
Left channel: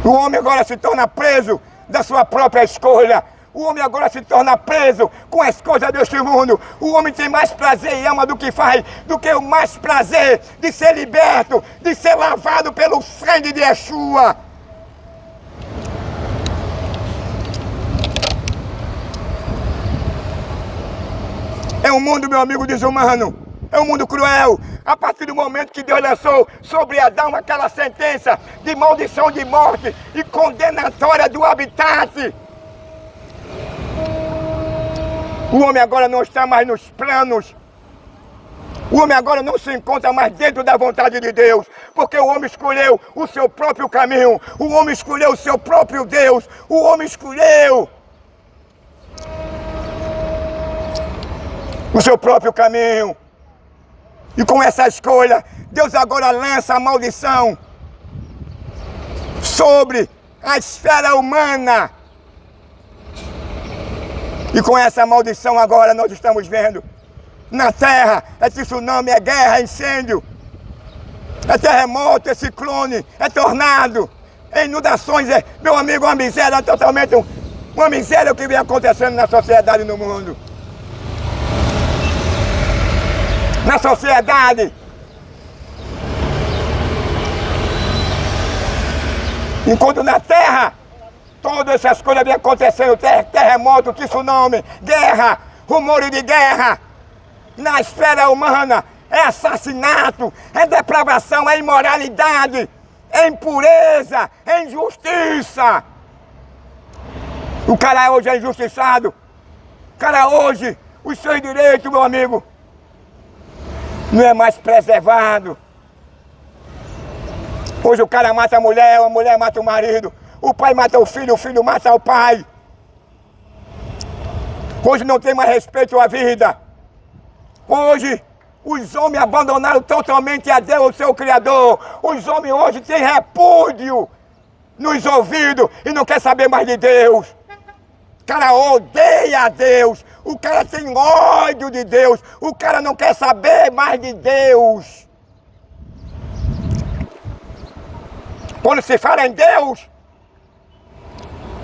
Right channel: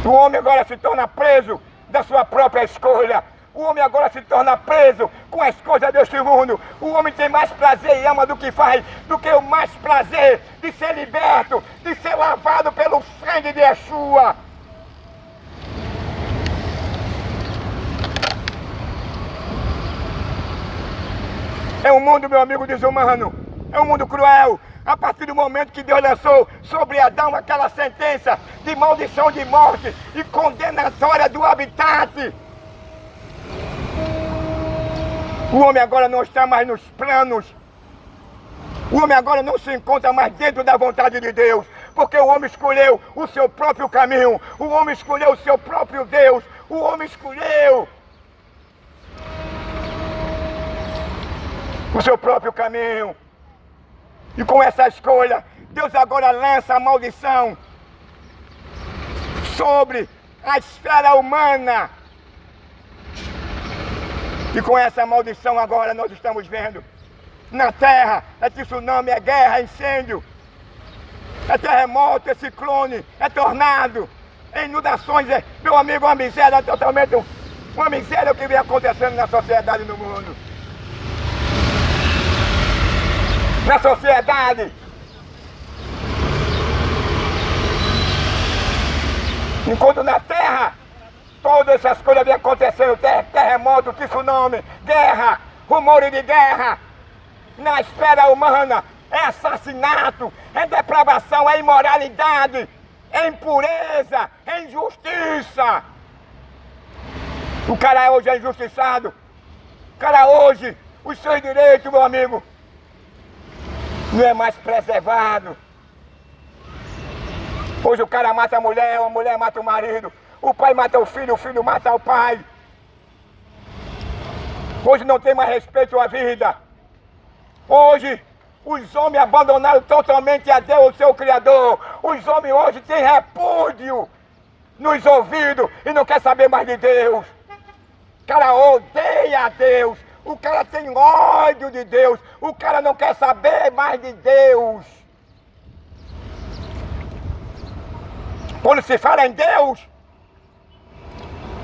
o homem agora se torna preso da sua própria escolha. O homem agora se torna preso com as coisas deste mundo. O homem tem mais prazer e ama do que faz, do que o mais prazer de ser liberto, de ser lavado pelo sangue de Yeshua. É um mundo, meu amigo, desumano. É um mundo cruel. A partir do momento que Deus lançou sobre Adão aquela sentença de maldição de morte e condenatória do habitat, o homem agora não está mais nos planos. O homem agora não se encontra mais dentro da vontade de Deus, porque o homem escolheu o seu próprio caminho, o homem escolheu o seu próprio Deus, o homem escolheu o seu próprio caminho. E com essa escolha, Deus agora lança a maldição sobre a esfera humana. E com essa maldição agora nós estamos vendo na terra, é tsunami, é guerra, é incêndio, é terremoto, é ciclone, é tornado, é inundações, meu amigo, uma miséria totalmente, uma miséria que vem acontecendo na sociedade e no mundo. Na sociedade, enquanto na terra todas essas coisas vêm acontecendo, terremoto, tsunami, guerra, rumores de guerra. Na esfera humana é assassinato, é depravação, é imoralidade, é impureza, é injustiça. O cara hoje é injustiçado. O cara hoje, os seus direitos, meu amigo, não é mais preservado. Hoje o cara mata a mulher mata o marido, o pai mata o filho mata o pai. Hoje não tem mais respeito à vida. Hoje os homens abandonaram totalmente a Deus, o seu Criador. Os homens hoje têm repúdio nos ouvidos e não quer saber mais de Deus. O cara odeia a Deus. O cara tem ódio de Deus. O cara não quer saber mais de Deus. Quando se fala em Deus,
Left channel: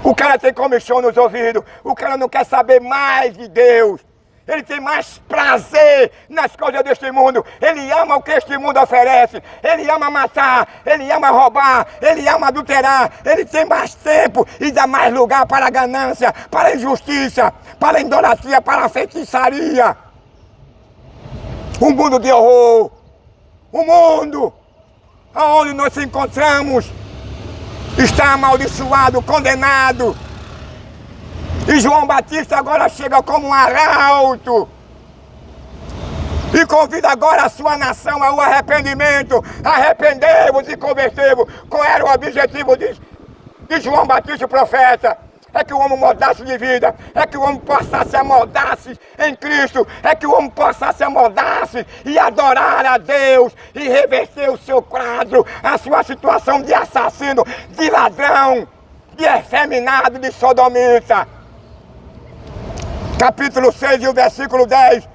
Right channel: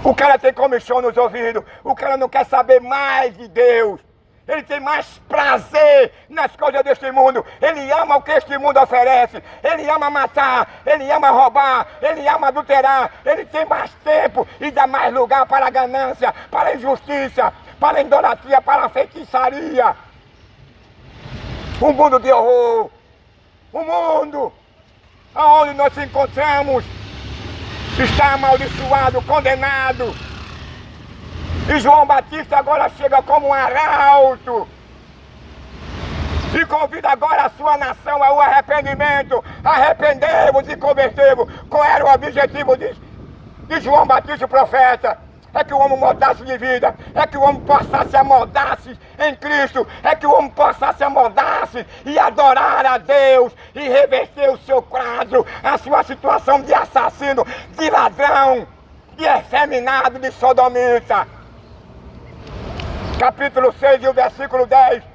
o cara tem comichão nos ouvidos. O cara não quer saber mais de Deus. Ele tem mais prazer nas coisas deste mundo. Ele ama o que este mundo oferece. Ele ama matar, ele ama roubar, ele ama adulterar. Ele tem mais tempo e dá mais lugar para a ganância, para a injustiça, para a idolatria, para a feitiçaria. Um mundo de horror. Um mundo onde nós nos encontramos está amaldiçoado, condenado. E João Batista agora chega como um arauto e convida agora a sua nação ao arrependimento. Arrependei-vos e convertei-vos. Qual era o objetivo de João Batista, o profeta? É que o homem mudasse de vida, é que o homem passasse a moldar-se em Cristo, é que o homem passasse a moldar-se e adorar a Deus e reverter o seu quadro, a sua situação de assassino, de ladrão, de efeminado, de sodomita. Capítulo 6 e o versículo 10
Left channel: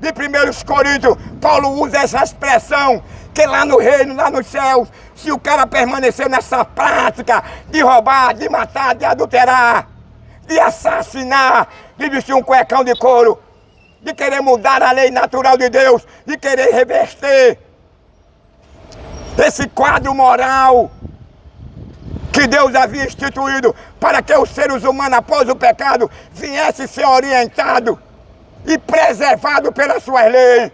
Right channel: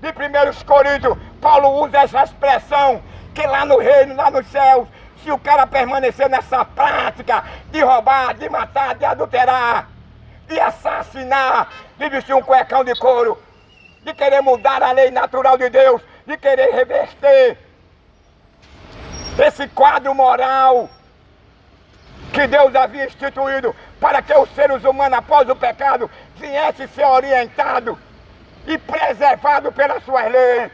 de 1 Coríntios, Paulo usa essa expressão, que lá no reino, lá nos céus, se o cara permanecer nessa prática de roubar, de matar, de adulterar, de assassinar, de vestir um cuecão de couro, de querer mudar a lei natural de Deus, de querer reverter esse quadro moral que Deus havia instituído para que os seres humanos, após o pecado, viessem ser orientados e preservados pelas suas leis.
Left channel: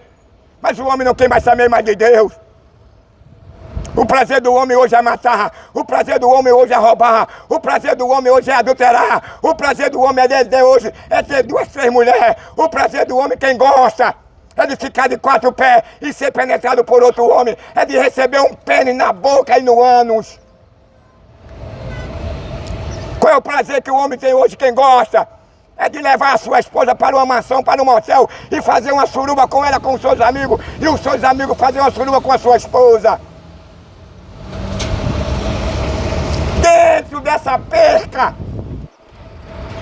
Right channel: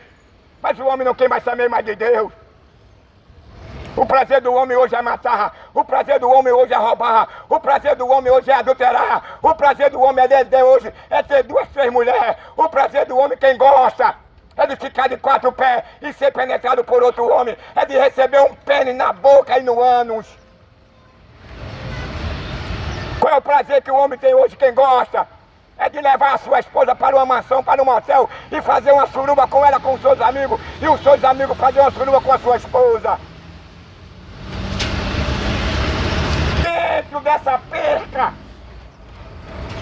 Mas o homem não quer mais saber mais de Deus. O prazer do homem hoje é matar, o prazer do homem hoje é roubar, o prazer do homem hoje é adulterar, o prazer do homem hoje é ter 2, 3 mulheres, o prazer do homem, quem gosta, é de ficar de 4 pés e ser penetrado por outro homem, é de receber um pênis na boca e no ânus. Qual é o prazer que o homem tem hoje, quem gosta? É de levar a sua esposa para uma mansão, para um motel e fazer uma suruba com ela, com os seus amigos, e os seus amigos fazer uma suruba com a sua esposa. Dentro dessa perca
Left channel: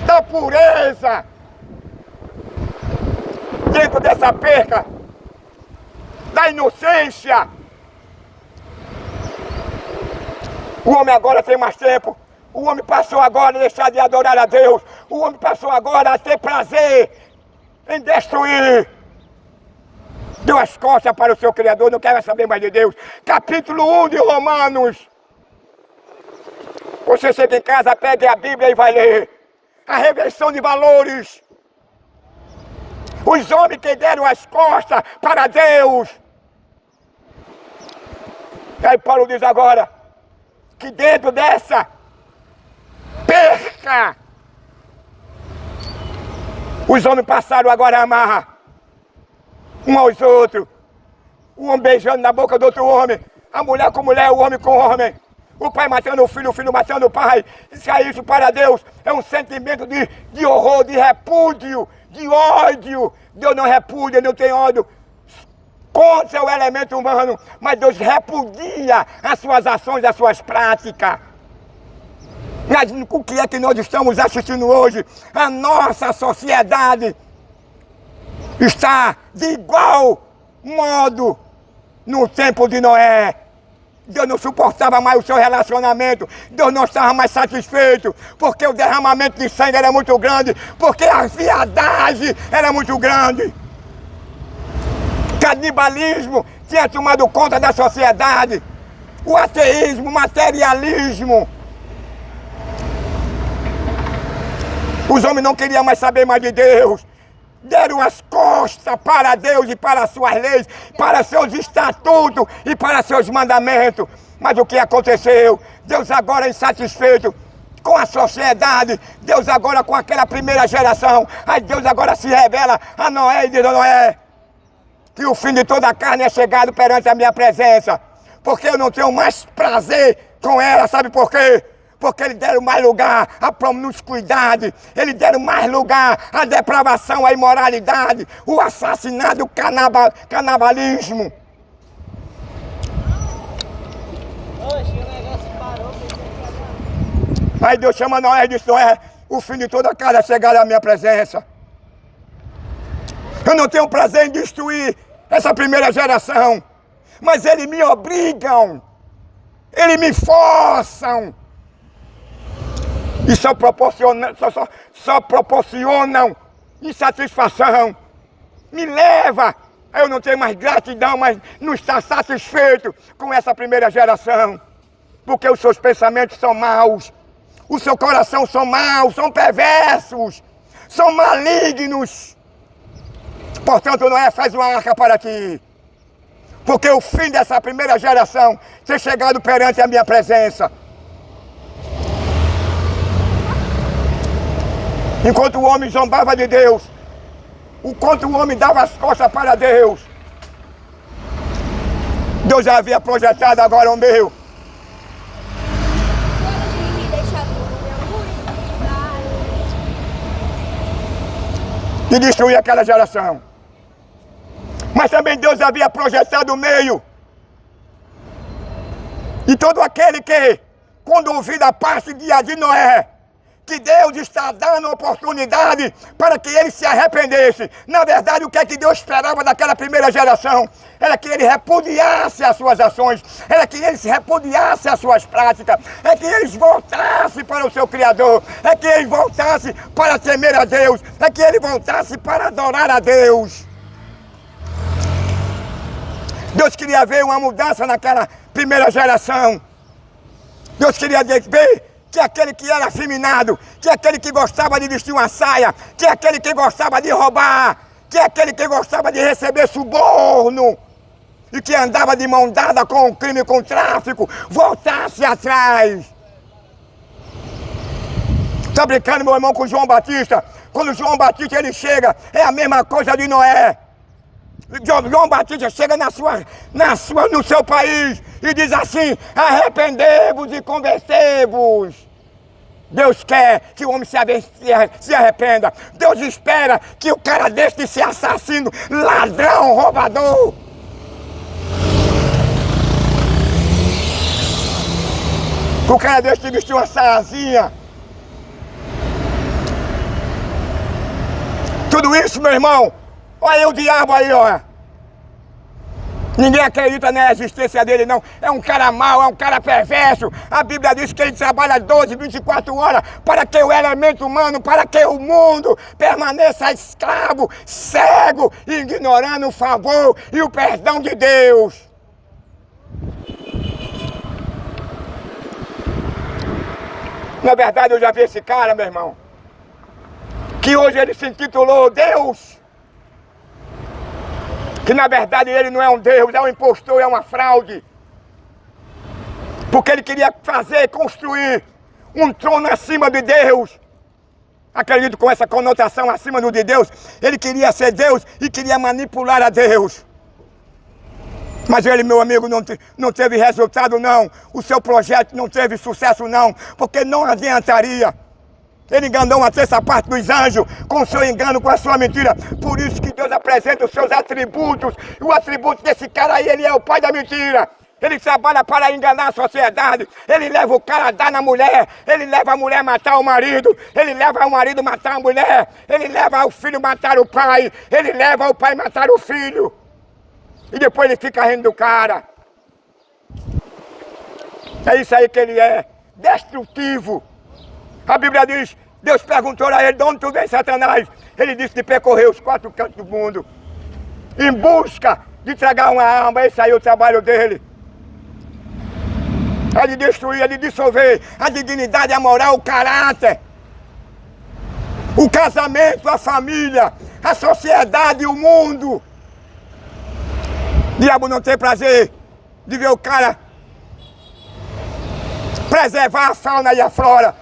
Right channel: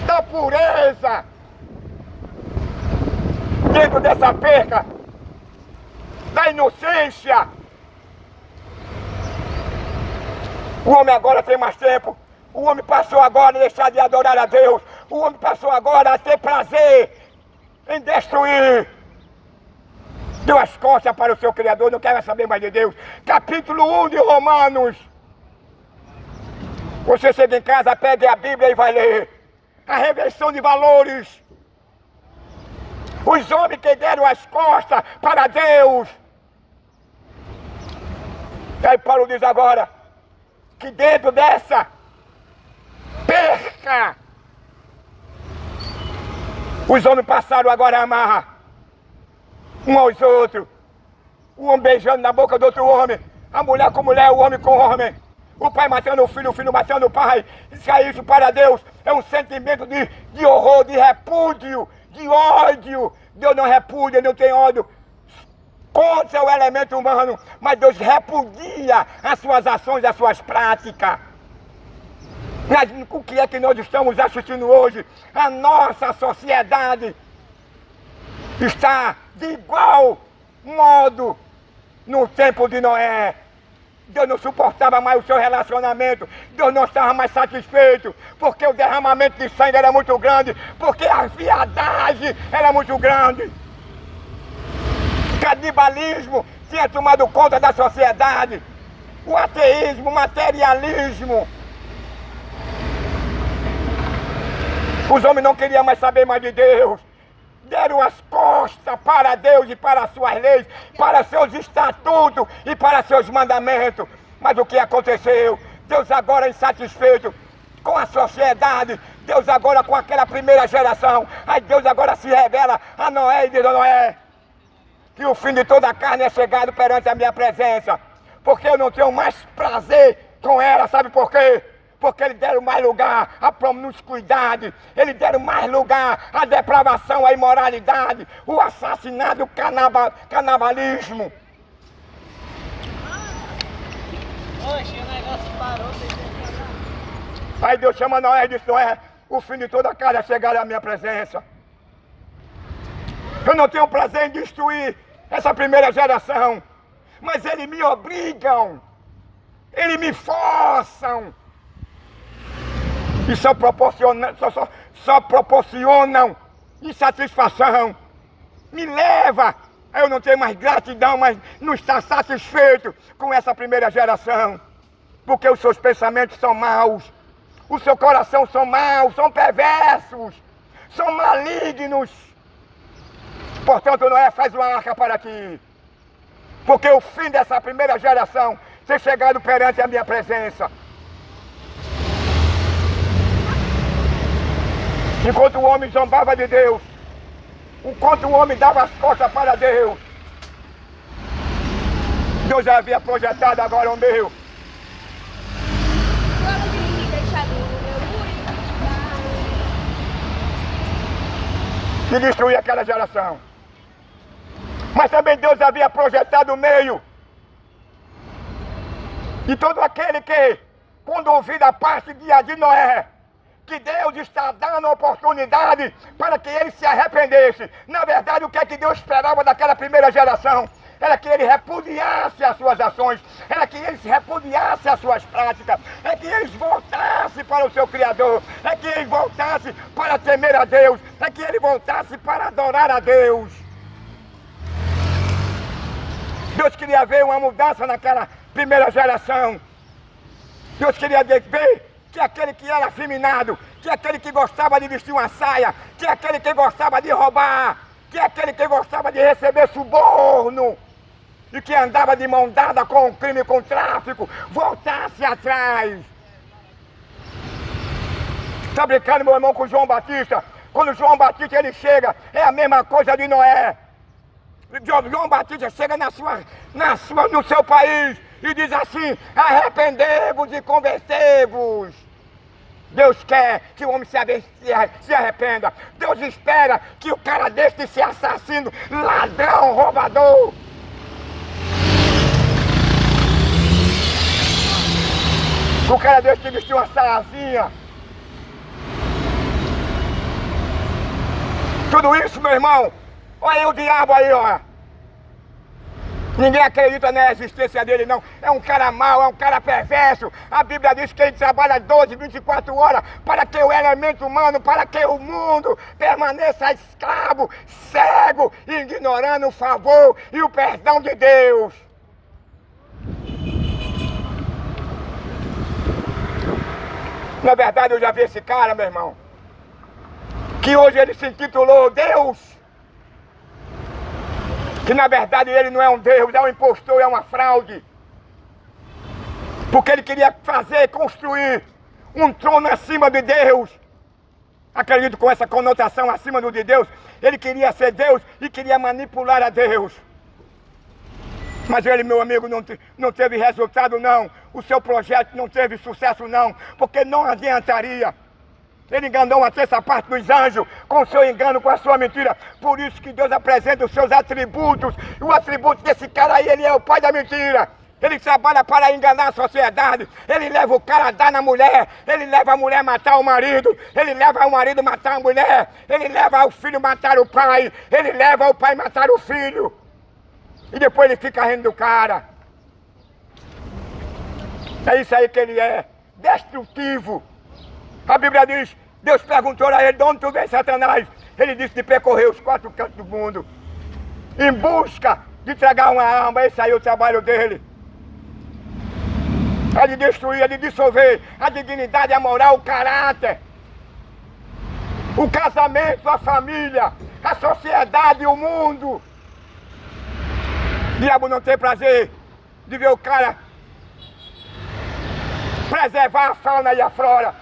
da pureza, dentro dessa perca da inocência, o homem agora tem mais tempo. O homem passou agora a deixar de adorar a Deus. O homem passou agora a ter prazer em destruir. Deu as costas para o seu Criador, não quer saber mais de Deus. Capítulo 1 de Romanos. Você chega em casa, pegue a Bíblia e vai ler. A reversão de valores. Os homens que deram as costas para Deus. E aí Paulo diz agora que dentro dessa perca, os homens passaram agora a amar um aos outros. O homem beijando na boca do outro homem, a mulher com mulher, o homem com homem, o pai matando o filho matando o pai. Isso para Deus é um sentimento de horror, de repúdio, de ódio. Deus não repudia, não tem ódio contra o elemento humano, mas Deus repudia as suas ações, as suas práticas. Mas o que é que nós estamos assistindo hoje? A nossa sociedade está de igual modo no tempo de Noé. Deus não suportava mais o seu relacionamento, Deus não estava mais satisfeito, porque o derramamento de sangue era muito grande, porque a viadagem era muito grande. Canibalismo tinha tomado conta da sociedade, o ateísmo, o materialismo. Os homens não queriam mais saber mais de Deus. Deram as costas para Deus e para suas leis, para seus estatutos e para seus mandamentos. Mas o que aconteceu? Deus agora insatisfeito com a sociedade, Deus agora com aquela primeira geração, aí Deus agora se revela a Noé e diz a Noé que o fim de toda a carne é chegado perante a minha presença, porque eu não tenho mais prazer com ela, sabe por quê? Porque eles deram mais lugar à promiscuidade, eles deram mais lugar à depravação, à imoralidade, o assassinato, o canibalismo. Oxe, o negócio parou, Aí Deus chama Noé e diz: Noé, o fim de toda a carne é chegar à minha presença. Eu não tenho prazer em destruir essa primeira geração, mas eles me obrigam, eles me forçam. E só proporcionam insatisfação. me leva. Eu não tenho mais gratidão, mas não está satisfeito com essa primeira geração. Porque os seus pensamentos são maus. O seu coração são maus, são perversos, são malignos. Portanto, Noé faz uma arca para ti. Porque o fim dessa primeira geração tem chegado perante a minha presença. Enquanto o homem zombava de Deus, enquanto o homem dava as costas para Deus, Deus já havia projetado agora o meu. De destruir aquela geração. Mas também Deus havia projetado o meio. E todo aquele que, quando ouvir da parte de Noé, que Deus está dando oportunidade para que ele se arrependesse. Na verdade, o que é que Deus esperava daquela primeira geração? Era que ele repudiasse as suas ações, era que eles repudiassem as suas práticas, é que eles voltassem para o seu Criador, é que eles voltassem para temer a Deus, é que eles voltassem para adorar a Deus. Deus queria ver uma mudança naquela primeira geração. Deus queria ver que aquele que era afeminado, que aquele que gostava de vestir uma saia, que aquele que gostava de roubar, que aquele que gostava de receber suborno e que andava de mão dada com o crime, com o tráfico, voltasse atrás. Está brincando, meu irmão, com João Batista? Quando João Batista ele chega, é a mesma coisa de Noé. João Batista chega no seu país e diz assim: arrependei-vos e convertei-vos. Deus quer que o homem se arrependa. Deus espera que o cara deixe de ser assassino, ladrão, roubador. O cara deixe de vestir uma saiazinha. Tudo isso, meu irmão, olha aí o diabo aí, ó. Ninguém acredita na existência dele, não. É um cara mau, é um cara perverso. A Bíblia diz que ele trabalha 12, 24 horas para que o elemento humano, para que o mundo permaneça escravo, cego, ignorando o favor e o perdão de Deus. Na verdade, eu já vi esse cara, meu irmão, que hoje ele se intitulou Deus. Que na verdade ele não é um Deus, é um impostor, é uma fraude. Porque ele queria construir um trono acima de Deus. Acredito com essa conotação acima do de Deus. Ele queria ser Deus e queria manipular a Deus. Mas ele, meu amigo, não teve resultado não. O seu projeto não teve sucesso não. Porque não adiantaria. Ele enganou uma terça parte dos anjos com o seu engano, com a sua mentira. Por isso que Deus apresenta os seus atributos. E o atributo desse cara aí, ele é o pai da mentira. Ele trabalha para enganar a sociedade. Ele leva o cara a dar na mulher. Ele leva a mulher a matar o marido. Ele leva o marido a matar a mulher. Ele leva o filho a matar o pai. Ele leva o pai a matar o filho. E depois ele fica rindo do cara. É isso aí que ele é. Destrutivo. A Bíblia diz, Deus perguntou a ele: de onde tu vem, Satanás? Ele disse: de percorrer os 4 cantos do mundo, em busca de tragar uma alma. Esse aí é o trabalho dele. É de destruir, é de dissolver a dignidade, a moral, o caráter, o casamento, a família, a sociedade, o mundo. O diabo não tem prazer de ver o cara preservar a fauna e a flora.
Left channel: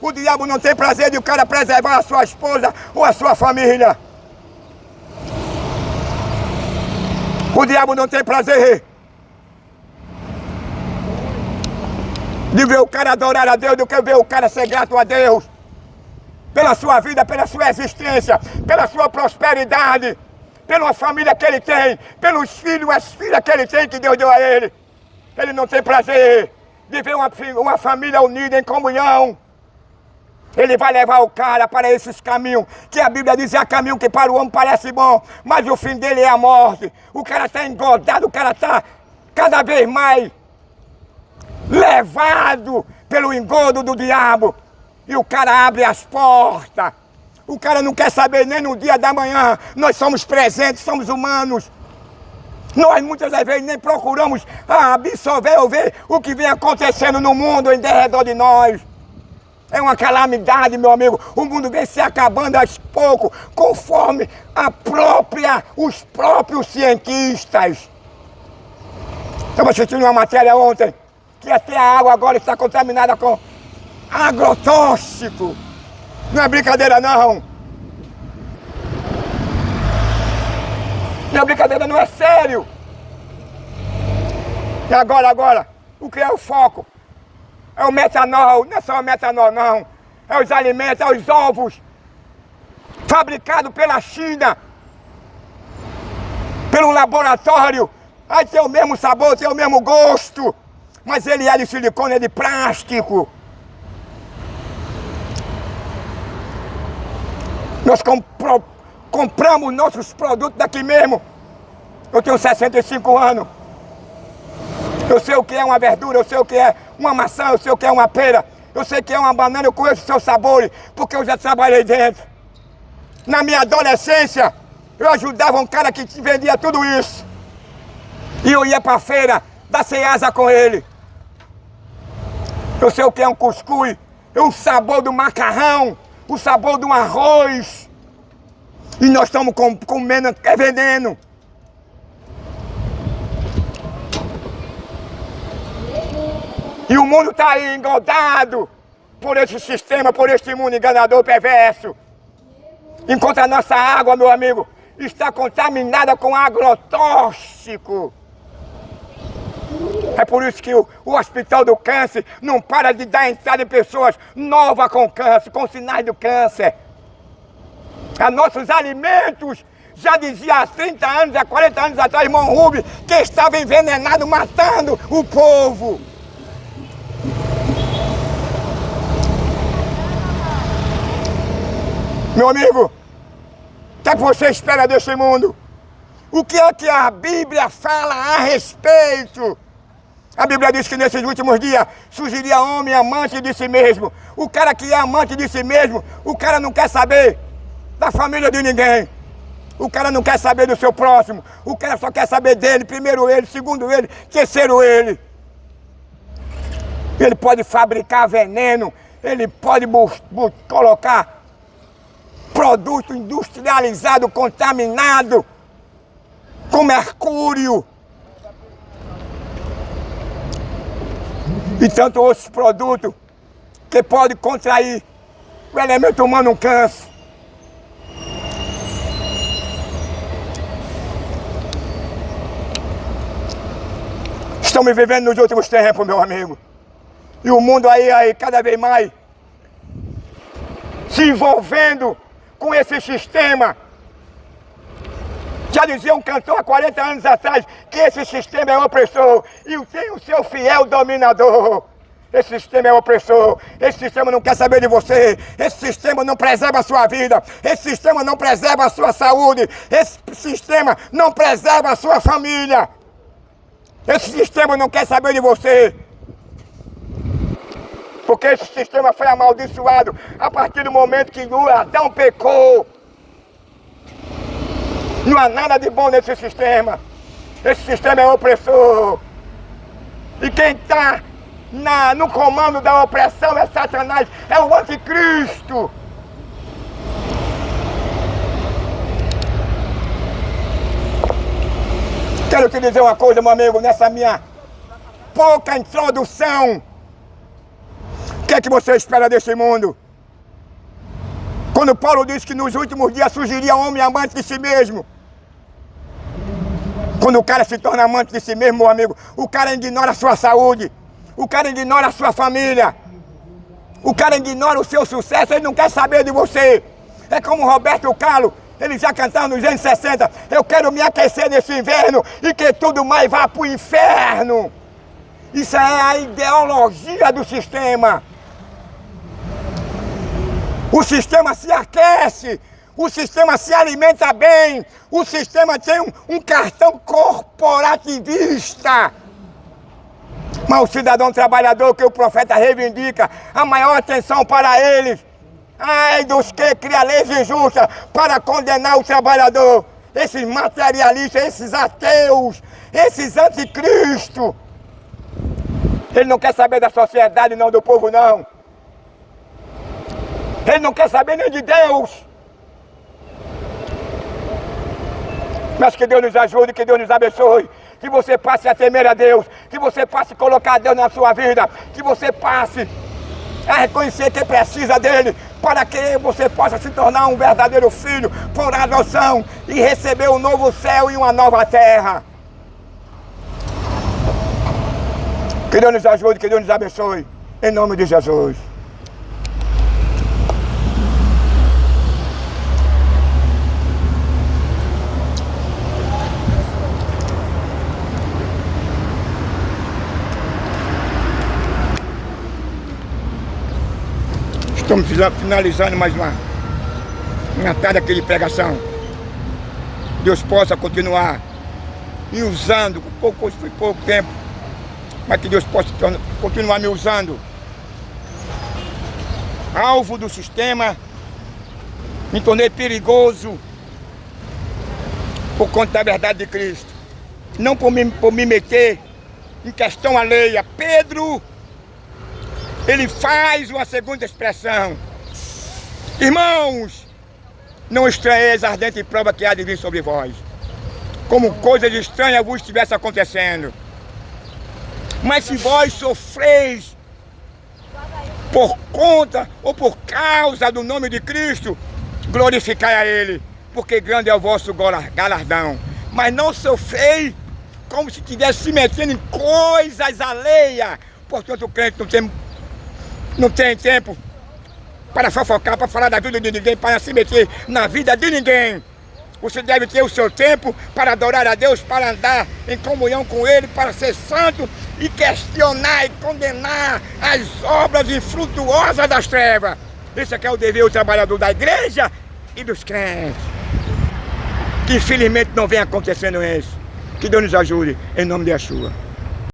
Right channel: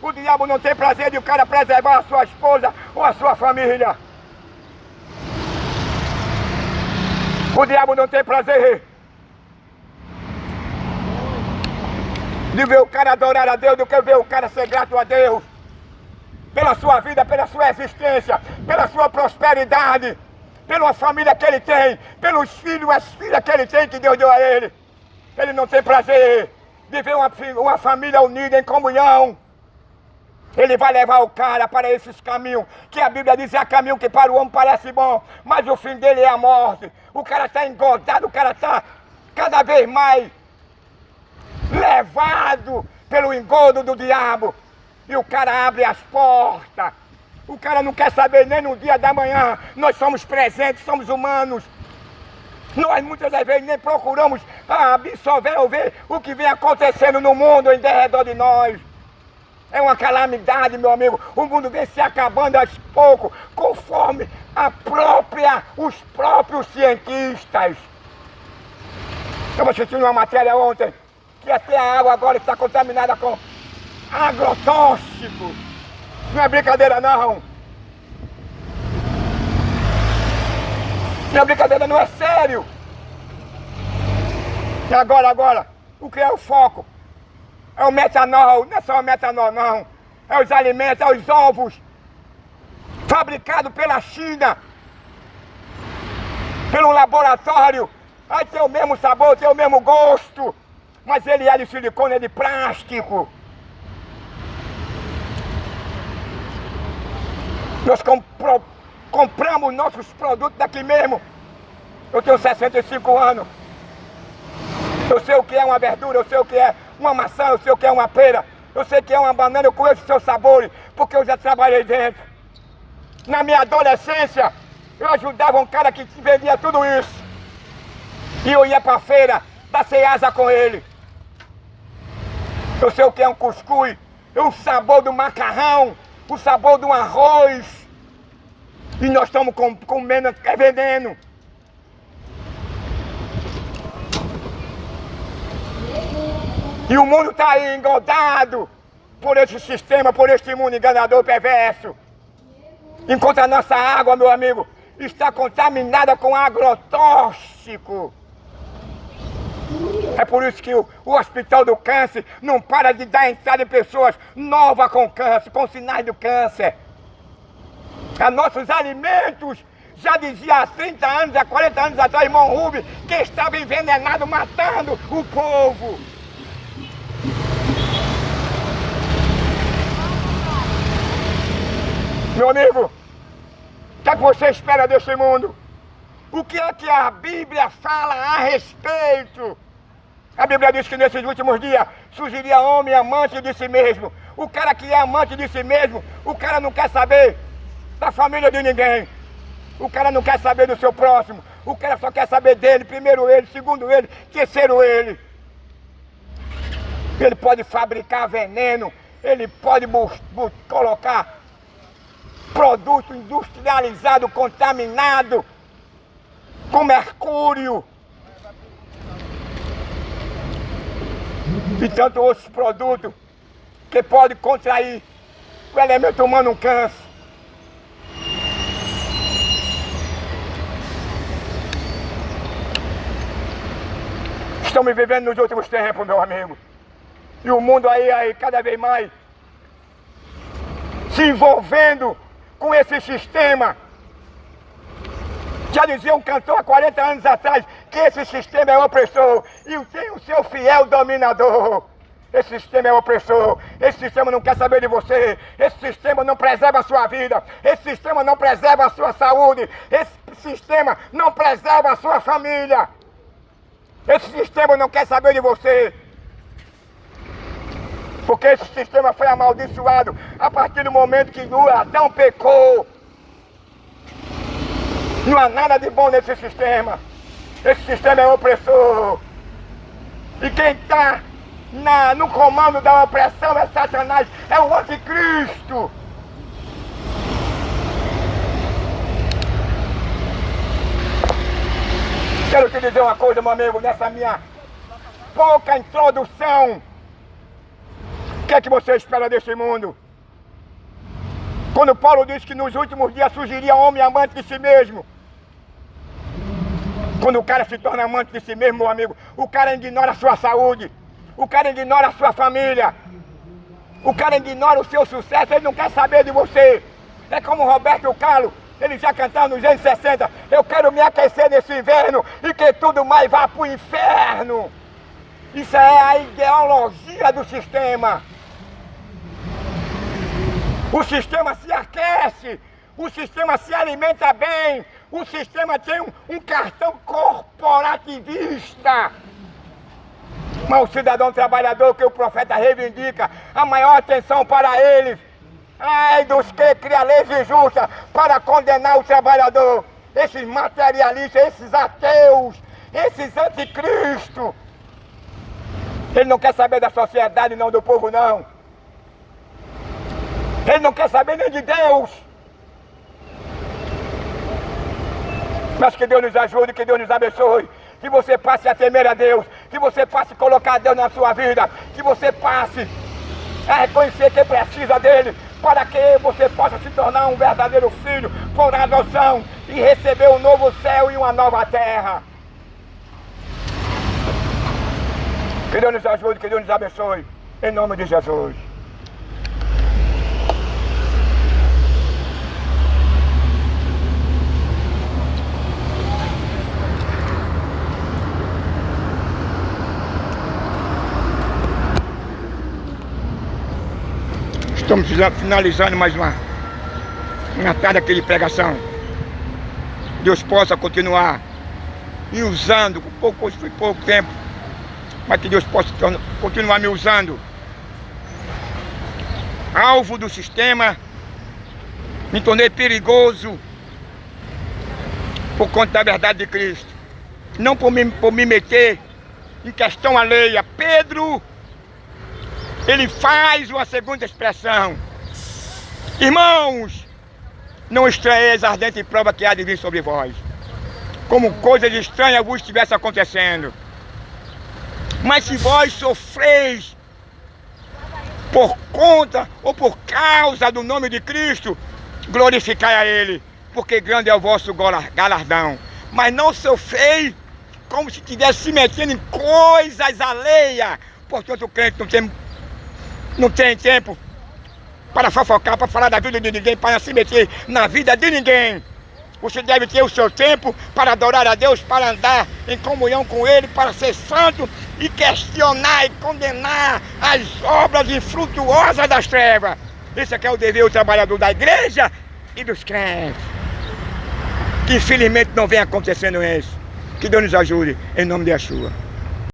O diabo não tem prazer de o cara preservar a sua esposa ou a sua família. O diabo não tem prazer de ver o cara adorar a Deus do que ver o cara ser grato a Deus pela sua vida, pela sua existência, pela sua prosperidade, pela família que ele tem, pelos filhos e as filhas que ele tem, que Deus deu a ele. Ele não tem prazer de ver uma família unida em comunhão. Ele vai levar o cara para esses caminhos, que a Bíblia diz: é caminho que para o homem parece bom, mas o fim dele é a morte. O cara está engordado, o cara está cada vez mais levado pelo engodo do diabo. E o cara abre as portas O cara não quer saber nem no dia da manhã. Nós somos presentes, somos humanos. Nós muitas das vezes nem procuramos absorver ou ver o que vem acontecendo no mundo em redor de nós. É uma calamidade, meu amigo. O mundo vem se acabando aos poucos, conforme os próprios cientistas. Estava assistindo uma matéria ontem, que até a água agora está contaminada com agrotóxico. Não é brincadeira não. Não é brincadeira, não, é sério. E agora, o que é o foco? É o metanol, não é só o metanol não. É os alimentos, é os ovos fabricados pela China, pelo laboratório. Aí tem o mesmo sabor, tem o mesmo gosto, mas ele é de silicone, é de plástico. Nós compramos nossos produtos daqui mesmo. Eu tenho 65 anos. Eu sei o que é uma verdura, eu sei o que é uma maçã, eu sei o que é uma pera, eu sei o que é uma banana, eu conheço o seu sabor, porque eu já trabalhei dentro. Na minha adolescência, eu ajudava um cara que vendia tudo isso. E eu ia para a feira da Ceasa com ele. Eu sei o que é um cuscuz, o sabor do macarrão, o sabor do arroz. E nós estamos comendo veneno. E o mundo está aí engodado por esse sistema, por este mundo enganador perverso. Enquanto a nossa água, meu amigo, está contaminada com agrotóxico. É por isso que o Hospital do Câncer não para de dar entrada em pessoas novas com câncer, com sinais do câncer. A nossos alimentos, já dizia há 30 anos, há 40 anos atrás, irmão Rubens, que estava envenenado, matando o povo. Meu amigo, o que é que você espera desse mundo? O que é que a Bíblia fala a respeito? A Bíblia diz que nesses últimos dias surgiria homem amante de si mesmo. O cara que é amante de si mesmo, o cara não quer saber da família de ninguém. O cara não quer saber do seu próximo. O cara só quer saber dele, primeiro ele, segundo ele, terceiro ele. Ele pode fabricar veneno, ele pode colocar produto industrializado, contaminado, com mercúrio. E tanto outros produtos que podem contrair o elemento humano, um câncer. Estamos vivendo nos últimos tempos, meu amigo. E o mundo aí cada vez mais se envolvendo com esse sistema. Já dizia um cantor há 40 anos atrás que esse sistema é opressor e tem o seu fiel dominador. Esse sistema é opressor, esse sistema não quer saber de você, esse sistema não preserva a sua vida, esse sistema não preserva a sua saúde, esse sistema não preserva a sua família. Esse sistema não quer saber de você. Porque esse sistema foi amaldiçoado a partir do momento que Adão pecou. Não há nada de bom nesse sistema. Esse sistema é opressor. E quem está no comando da opressão é Satanás, é o anticristo. Quero te dizer uma coisa, meu amigo, nessa minha pouca introdução. O que é que você espera desse mundo? Quando Paulo diz que nos últimos dias surgiria homem amante de si mesmo. Quando o cara se torna amante de si mesmo, meu amigo, o cara ignora a sua saúde, o cara ignora a sua família, o cara ignora o seu sucesso, ele não quer saber de você. É como Roberto Carlos, ele já cantava nos anos 60, eu quero me aquecer nesse inverno e que tudo mais vá para o inferno. Isso é a ideologia do sistema. O sistema se aquece, o sistema se alimenta bem, o sistema tem um cartão corporativista. Mas o cidadão trabalhador que o profeta reivindica, a maior atenção para eles Ai dos que criam leis injustas para condenar o trabalhador. Esses materialistas, esses ateus, esses anticristos. Ele não quer saber da sociedade, não do povo, não. Ele não quer saber nem de Deus. Mas que Deus nos ajude, que Deus nos abençoe. Que você passe a temer a Deus. Que você passe a colocar Deus na sua vida. Que você passe a reconhecer que precisa dele. Para que você possa se tornar um verdadeiro filho por adoção. E receber um novo céu e uma nova terra. Que Deus nos ajude, que Deus nos abençoe. Em nome de Jesus. Estamos finalizando mais uma tarde aqui de pregação. Deus possa continuar me usando, foi pouco tempo, mas que Deus possa continuar me usando. Alvo do sistema, me tornei perigoso por conta da verdade de Cristo. Não por me meter em questão alheia. Pedro, ele faz uma segunda expressão. Irmãos, não estranheis a ardente prova que há de vir sobre vós, como coisas estranhas vos estivesse acontecendo. Mas se vós sofreis por conta ou por causa do nome de Cristo, glorificai a Ele, porque grande é o vosso galardão. Mas não sofrei como se estivesse se metendo em coisas alheias. Portanto, o crente não tem tempo para fofocar, para falar da vida de ninguém, para se meter na vida de ninguém. Você deve ter o seu tempo para adorar a Deus, para andar em comunhão com Ele, para ser santo e questionar e condenar as obras infrutuosas das trevas. Esse aqui é o dever do trabalhador da igreja e dos crentes. Que infelizmente não vem acontecendo isso. Que Deus nos ajude, em nome de Yeshua.